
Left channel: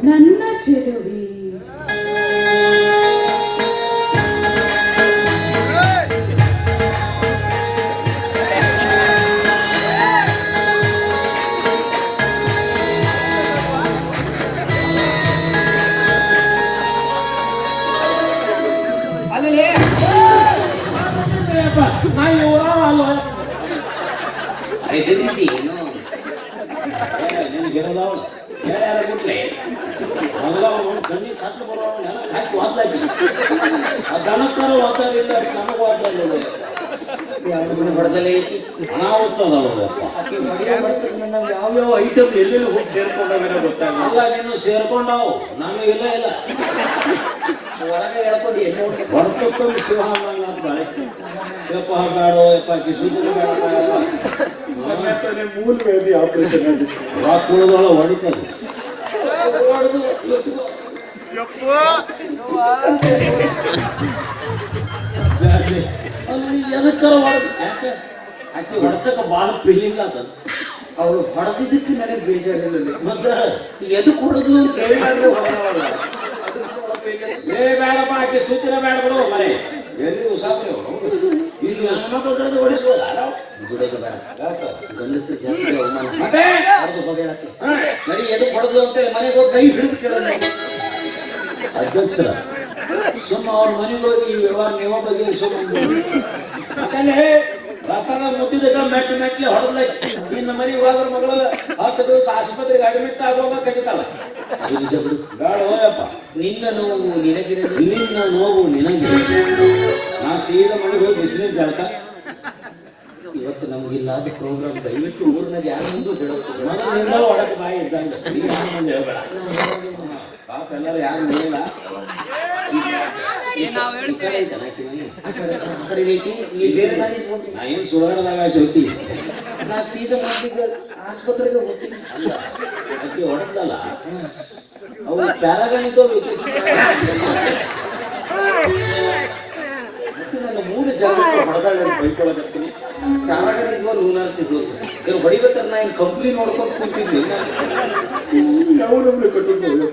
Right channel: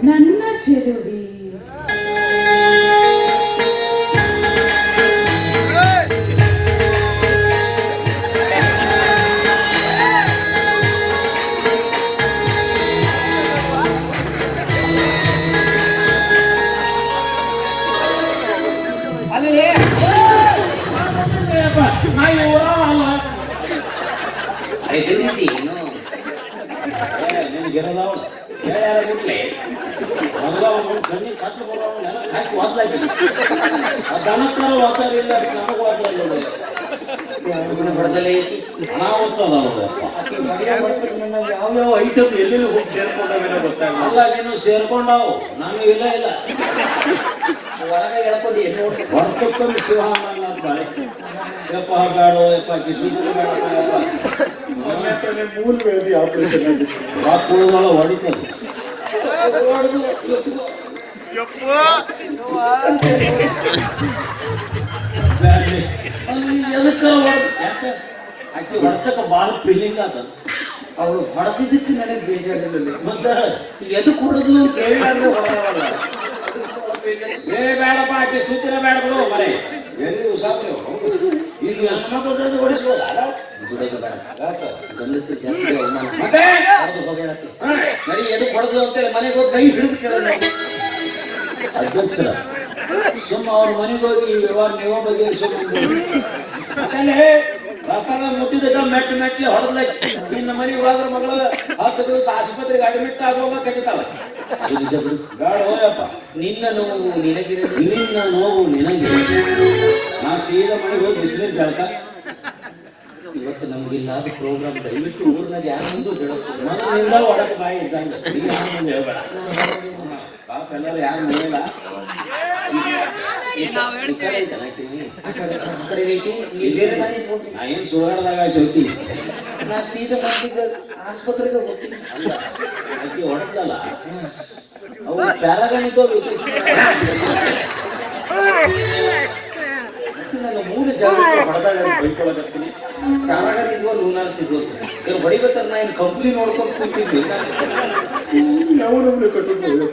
ನನ್ನ ಚೆಲುವಿ ಅಲ್ಲಿ ಎದುರಿದ್ದಿ ಬಡದಲೇ ಯಾವ್ಯಾವ ಐಟಮ್ ಎಲ್ಲೆಲ್ಲಿ ಹೋಗಿ ಸೇರ್ಕೊಂಡಾಗ ಗೊತ್ತಾಗಲ್ಲ ಅಲ್ಲ ನೀನು ಸೇರ್ಕೊಂಡಾವು ನಾನು ಇಲ್ಲ ಇಲ್ಲ ಒಳಗೆ ಹೇಳ್ಕೊಂಡು ಎಲ್ಲಿ ಹೊರತುಕೊಂಡು ಶಿವಹಾನ ಬಾಳೆ ಯಪ್ಪ ಬೇಡ ಯಪ್ಪ ಕಿಸುಗಳು ಬೇಡ ಮೂಲ ವ್ಯಾಧಿ ಆಪರೇಷನ್ ಕುಳದೊಳ ಹೊಡಿತದೆ ಅಲ್ಲಿ ಎದಕ್ಕ ಯಾಕೆ ಆಕೆ ಹೊಡೆತಕ್ಕ ಭಾಳ ಫೀಲಿಂಗ್ ಆತ ಅವ್ರು ಹೊಡೆದಿದ್ದಕ್ಕೆ ನನಗೆ ಬೇಜಾರಿಲ್ಲ ಮತ್ತೆ ಎದು ಕೊಡುದು ಅಂತ ಹೇಳಿದ್ರೆ ಹೊಡೆದವಲ್ಲ ಏ ಬೇಡಪ್ಪ ಆಕೆ ಸುತ್ತಿನ ಬೇಡ ಬಿಡು ಮನೆ ಎಲ್ಲಿ ಉಸಾಕ್ರಿ ಈಗ ಹೆಣ್ಮಕ್ಳು ಹೊಡಿಸ್ಬೋದ ಬಿಡೋದು ಬೇಡ ಗಂಡಸರು ಜಾಸ್ತಿ ಅವಮಾನ ಮತ್ತೆ ಹೊಡೆಯಕ್ಕೆ ನಡಿ ಎದು ಕೊಡುದು ಅಂತೇಳಿ ಮನೆಗೆ ಹೋಗಿ ಕೈ ಹಿಡಿದು ಕೇಳೋದು ಅಧ್ಯಕ್ಷ ಸುಮ್ಮ ಅವ್ರ ಮನೆಗೆ ಹೋಗಿ ಈ ವ್ಯವಹಾರ ನೀವು ಬಗ್ಗೆ ಯಾಕಂದ್ರೆ ರಸ್ತಾನ ಮುಟ್ಟಿದ ಮೆಟ್ಲೆ ಹೊಡೆದ್ಲ ನಿನ್ನ ಮನೆಗೆ ಹೋದ್ರ ಮಗಳ 10 ದಿವಸ ಆಸ್ಪತ್ರೆಗೆ ಅಡ್ಮಿಟ್ ಆಗುವಾಗ ಕಟ್ಟಿತಾಳ ಬೇಡ ಹೋಯಪ್ಪ ನಿನ್ನ ನೋವು ನಿನಗಿರಲಿ ನಿನ್ನ ನೋವು ನಿನಗೆ ನಾ ಸೀದಾ ಮನೆಗೆ ಹೋಗಿ ಬಿಸಿಲಿನ ಹೇಳ್ತಾ ಇವತ್ತು ನಮಗಿಲ್ಲಾದ ಪ್ರೋಗ್ರಾಮ್ ದಯವಿಟ್ಟು ಊರಿನಾಗ ಯಾರೊಂದು ಮನೆಯಿಂದ ಒಳಗೆ ಬಾಯಿ ಇದ್ದಂಗೆ ನೀನ್ ಯಾರ್ ಮುಂದೆ ಹೇಳ್ಬೇಡ ಪಾಪ ಎಲ್ಲರೂ ಯಾರು ನೋಡಿಲ್ಲ ನಾ ಏನು ಸುಧಾರಣದಾಗ ಸೈತಿ ನಾ ಸೀದಾ ಮಾಡ್ತಿದ್ದೆ ಆಸ್ಪತ್ರೆಗೆ ಹೋಗ್ತೀನಿ ಅಲ್ಲ ಅದಕ್ಕೆ ಹೊಡೆದಲ್ಲ ಅವ್ರು ಪ್ಯಾರಾಗಣಿತ ನಾನು 3 ಜಾಗ ಹೊಡೆದಾಗ ಬೈಕೊಳ್ಳೋದಕ್ತೀನಿ ಕಾರಾಗಿದ್ವು ನೂನಾರ್ಸಿದ್ವು ಇವ್ರು ಬಡಿಬೇಕಾದ್ರೆ ನಾ ಏನು ಕಂಪ್ನಿ ನೋಡ್ಕೊಂಡು ಕೂತಿದ್ದೆ ನಾವು ನಮ್ಗೆ ಕಟ್ಟಿದ್ದು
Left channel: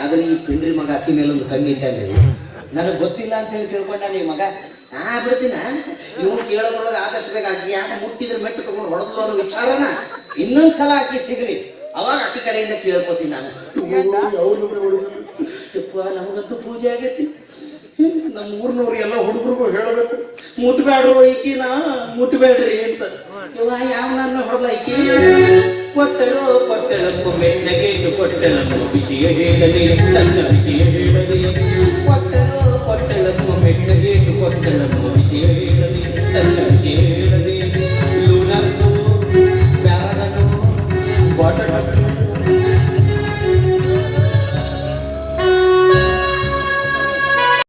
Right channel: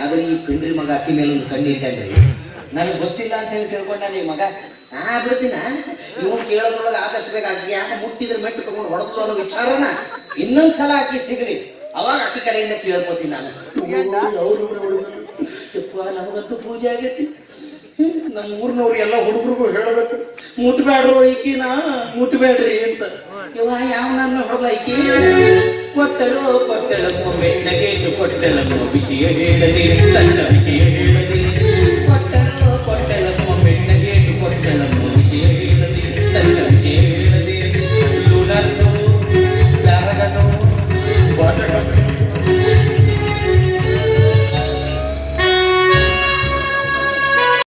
ಆದ್ರೆ ಈ ಪಿಂಡ್ರಿ ಮಗ ಅಕ್ಕಿ ಮೇಲೆ ಒಂದು ಕಣ್ಣು ಇದ್ದಾನೆ ನನಗೆ ಗೊತ್ತಿಲ್ಲ ಅಂತ ಹೇಳಿ ತಿಳ್ಕೊಂಡ ಈ ಮಗ ಬಿಡ್ತೀನ ಇವ್ನು ಕೇಳೋದ್ರೊಳಗೆ ಆದಷ್ಟು ಬೇಗ ಆಕಿ ಯಾಕೆ ಮುಟ್ಟಿದ್ರೆ ಮೆಟ್ಟು ತಗೊಂಡು ಹೊಡೆದು ಅನ್ನೋ ವಿಚಾರನ ಇನ್ನೊಂದ್ಸಲ ಆಕಿ ಸಿಗಲಿ ಅವಾಗ ಅಕ್ಕಿ ಕಡೆಯಿಂದ ಕೇಳ್ಕೊತೀನಿ ನಾನು. ಯಪ್ಪ, ನಮಗಂತೂ ಪೂಜೆ ಆಗೈತಿ. ನಮ್ಮ ಊರ್ನವ್ರು ಎಲ್ಲ ಹುಡುಗರಿಗೂ ಹೇಳಬೇಕು, ಮುಟ್ಬೇಡ್ರು ಈಕಿನ, ಮುಟ್ಬೇಡ್ರಿ ಅಂತ. ಇವ ಯಾವ ನನ್ನ ಹೊಡೆದ ಈಕಿ ಕೊಟ್ಟಳು ಕೊಟ್ಟಳಮ್ಮ ಮೆಣ್ಣಗೇಟು ಕೊಟ್ಟಳಮ್ಮ ವಿಷಯ ಹೇಳದೆ ತನ್ನ ವಿಷಯ ಹೇಳದೆ ಕೊಟ್ಟಳು ಕೊಟ್ಟಳಮ್ಮ ಮೆಣ್ಣಗೇಟು ಕೊಟ್ಟಳಮ್ಮ ವಿಷಯ ಹೇಳದೆ ತನ್ನ ವಿಷಯ ಹೇಳದೆ ಲೂನನ್ನು ಬ್ಯಾಗನು ಬಾಟಲ್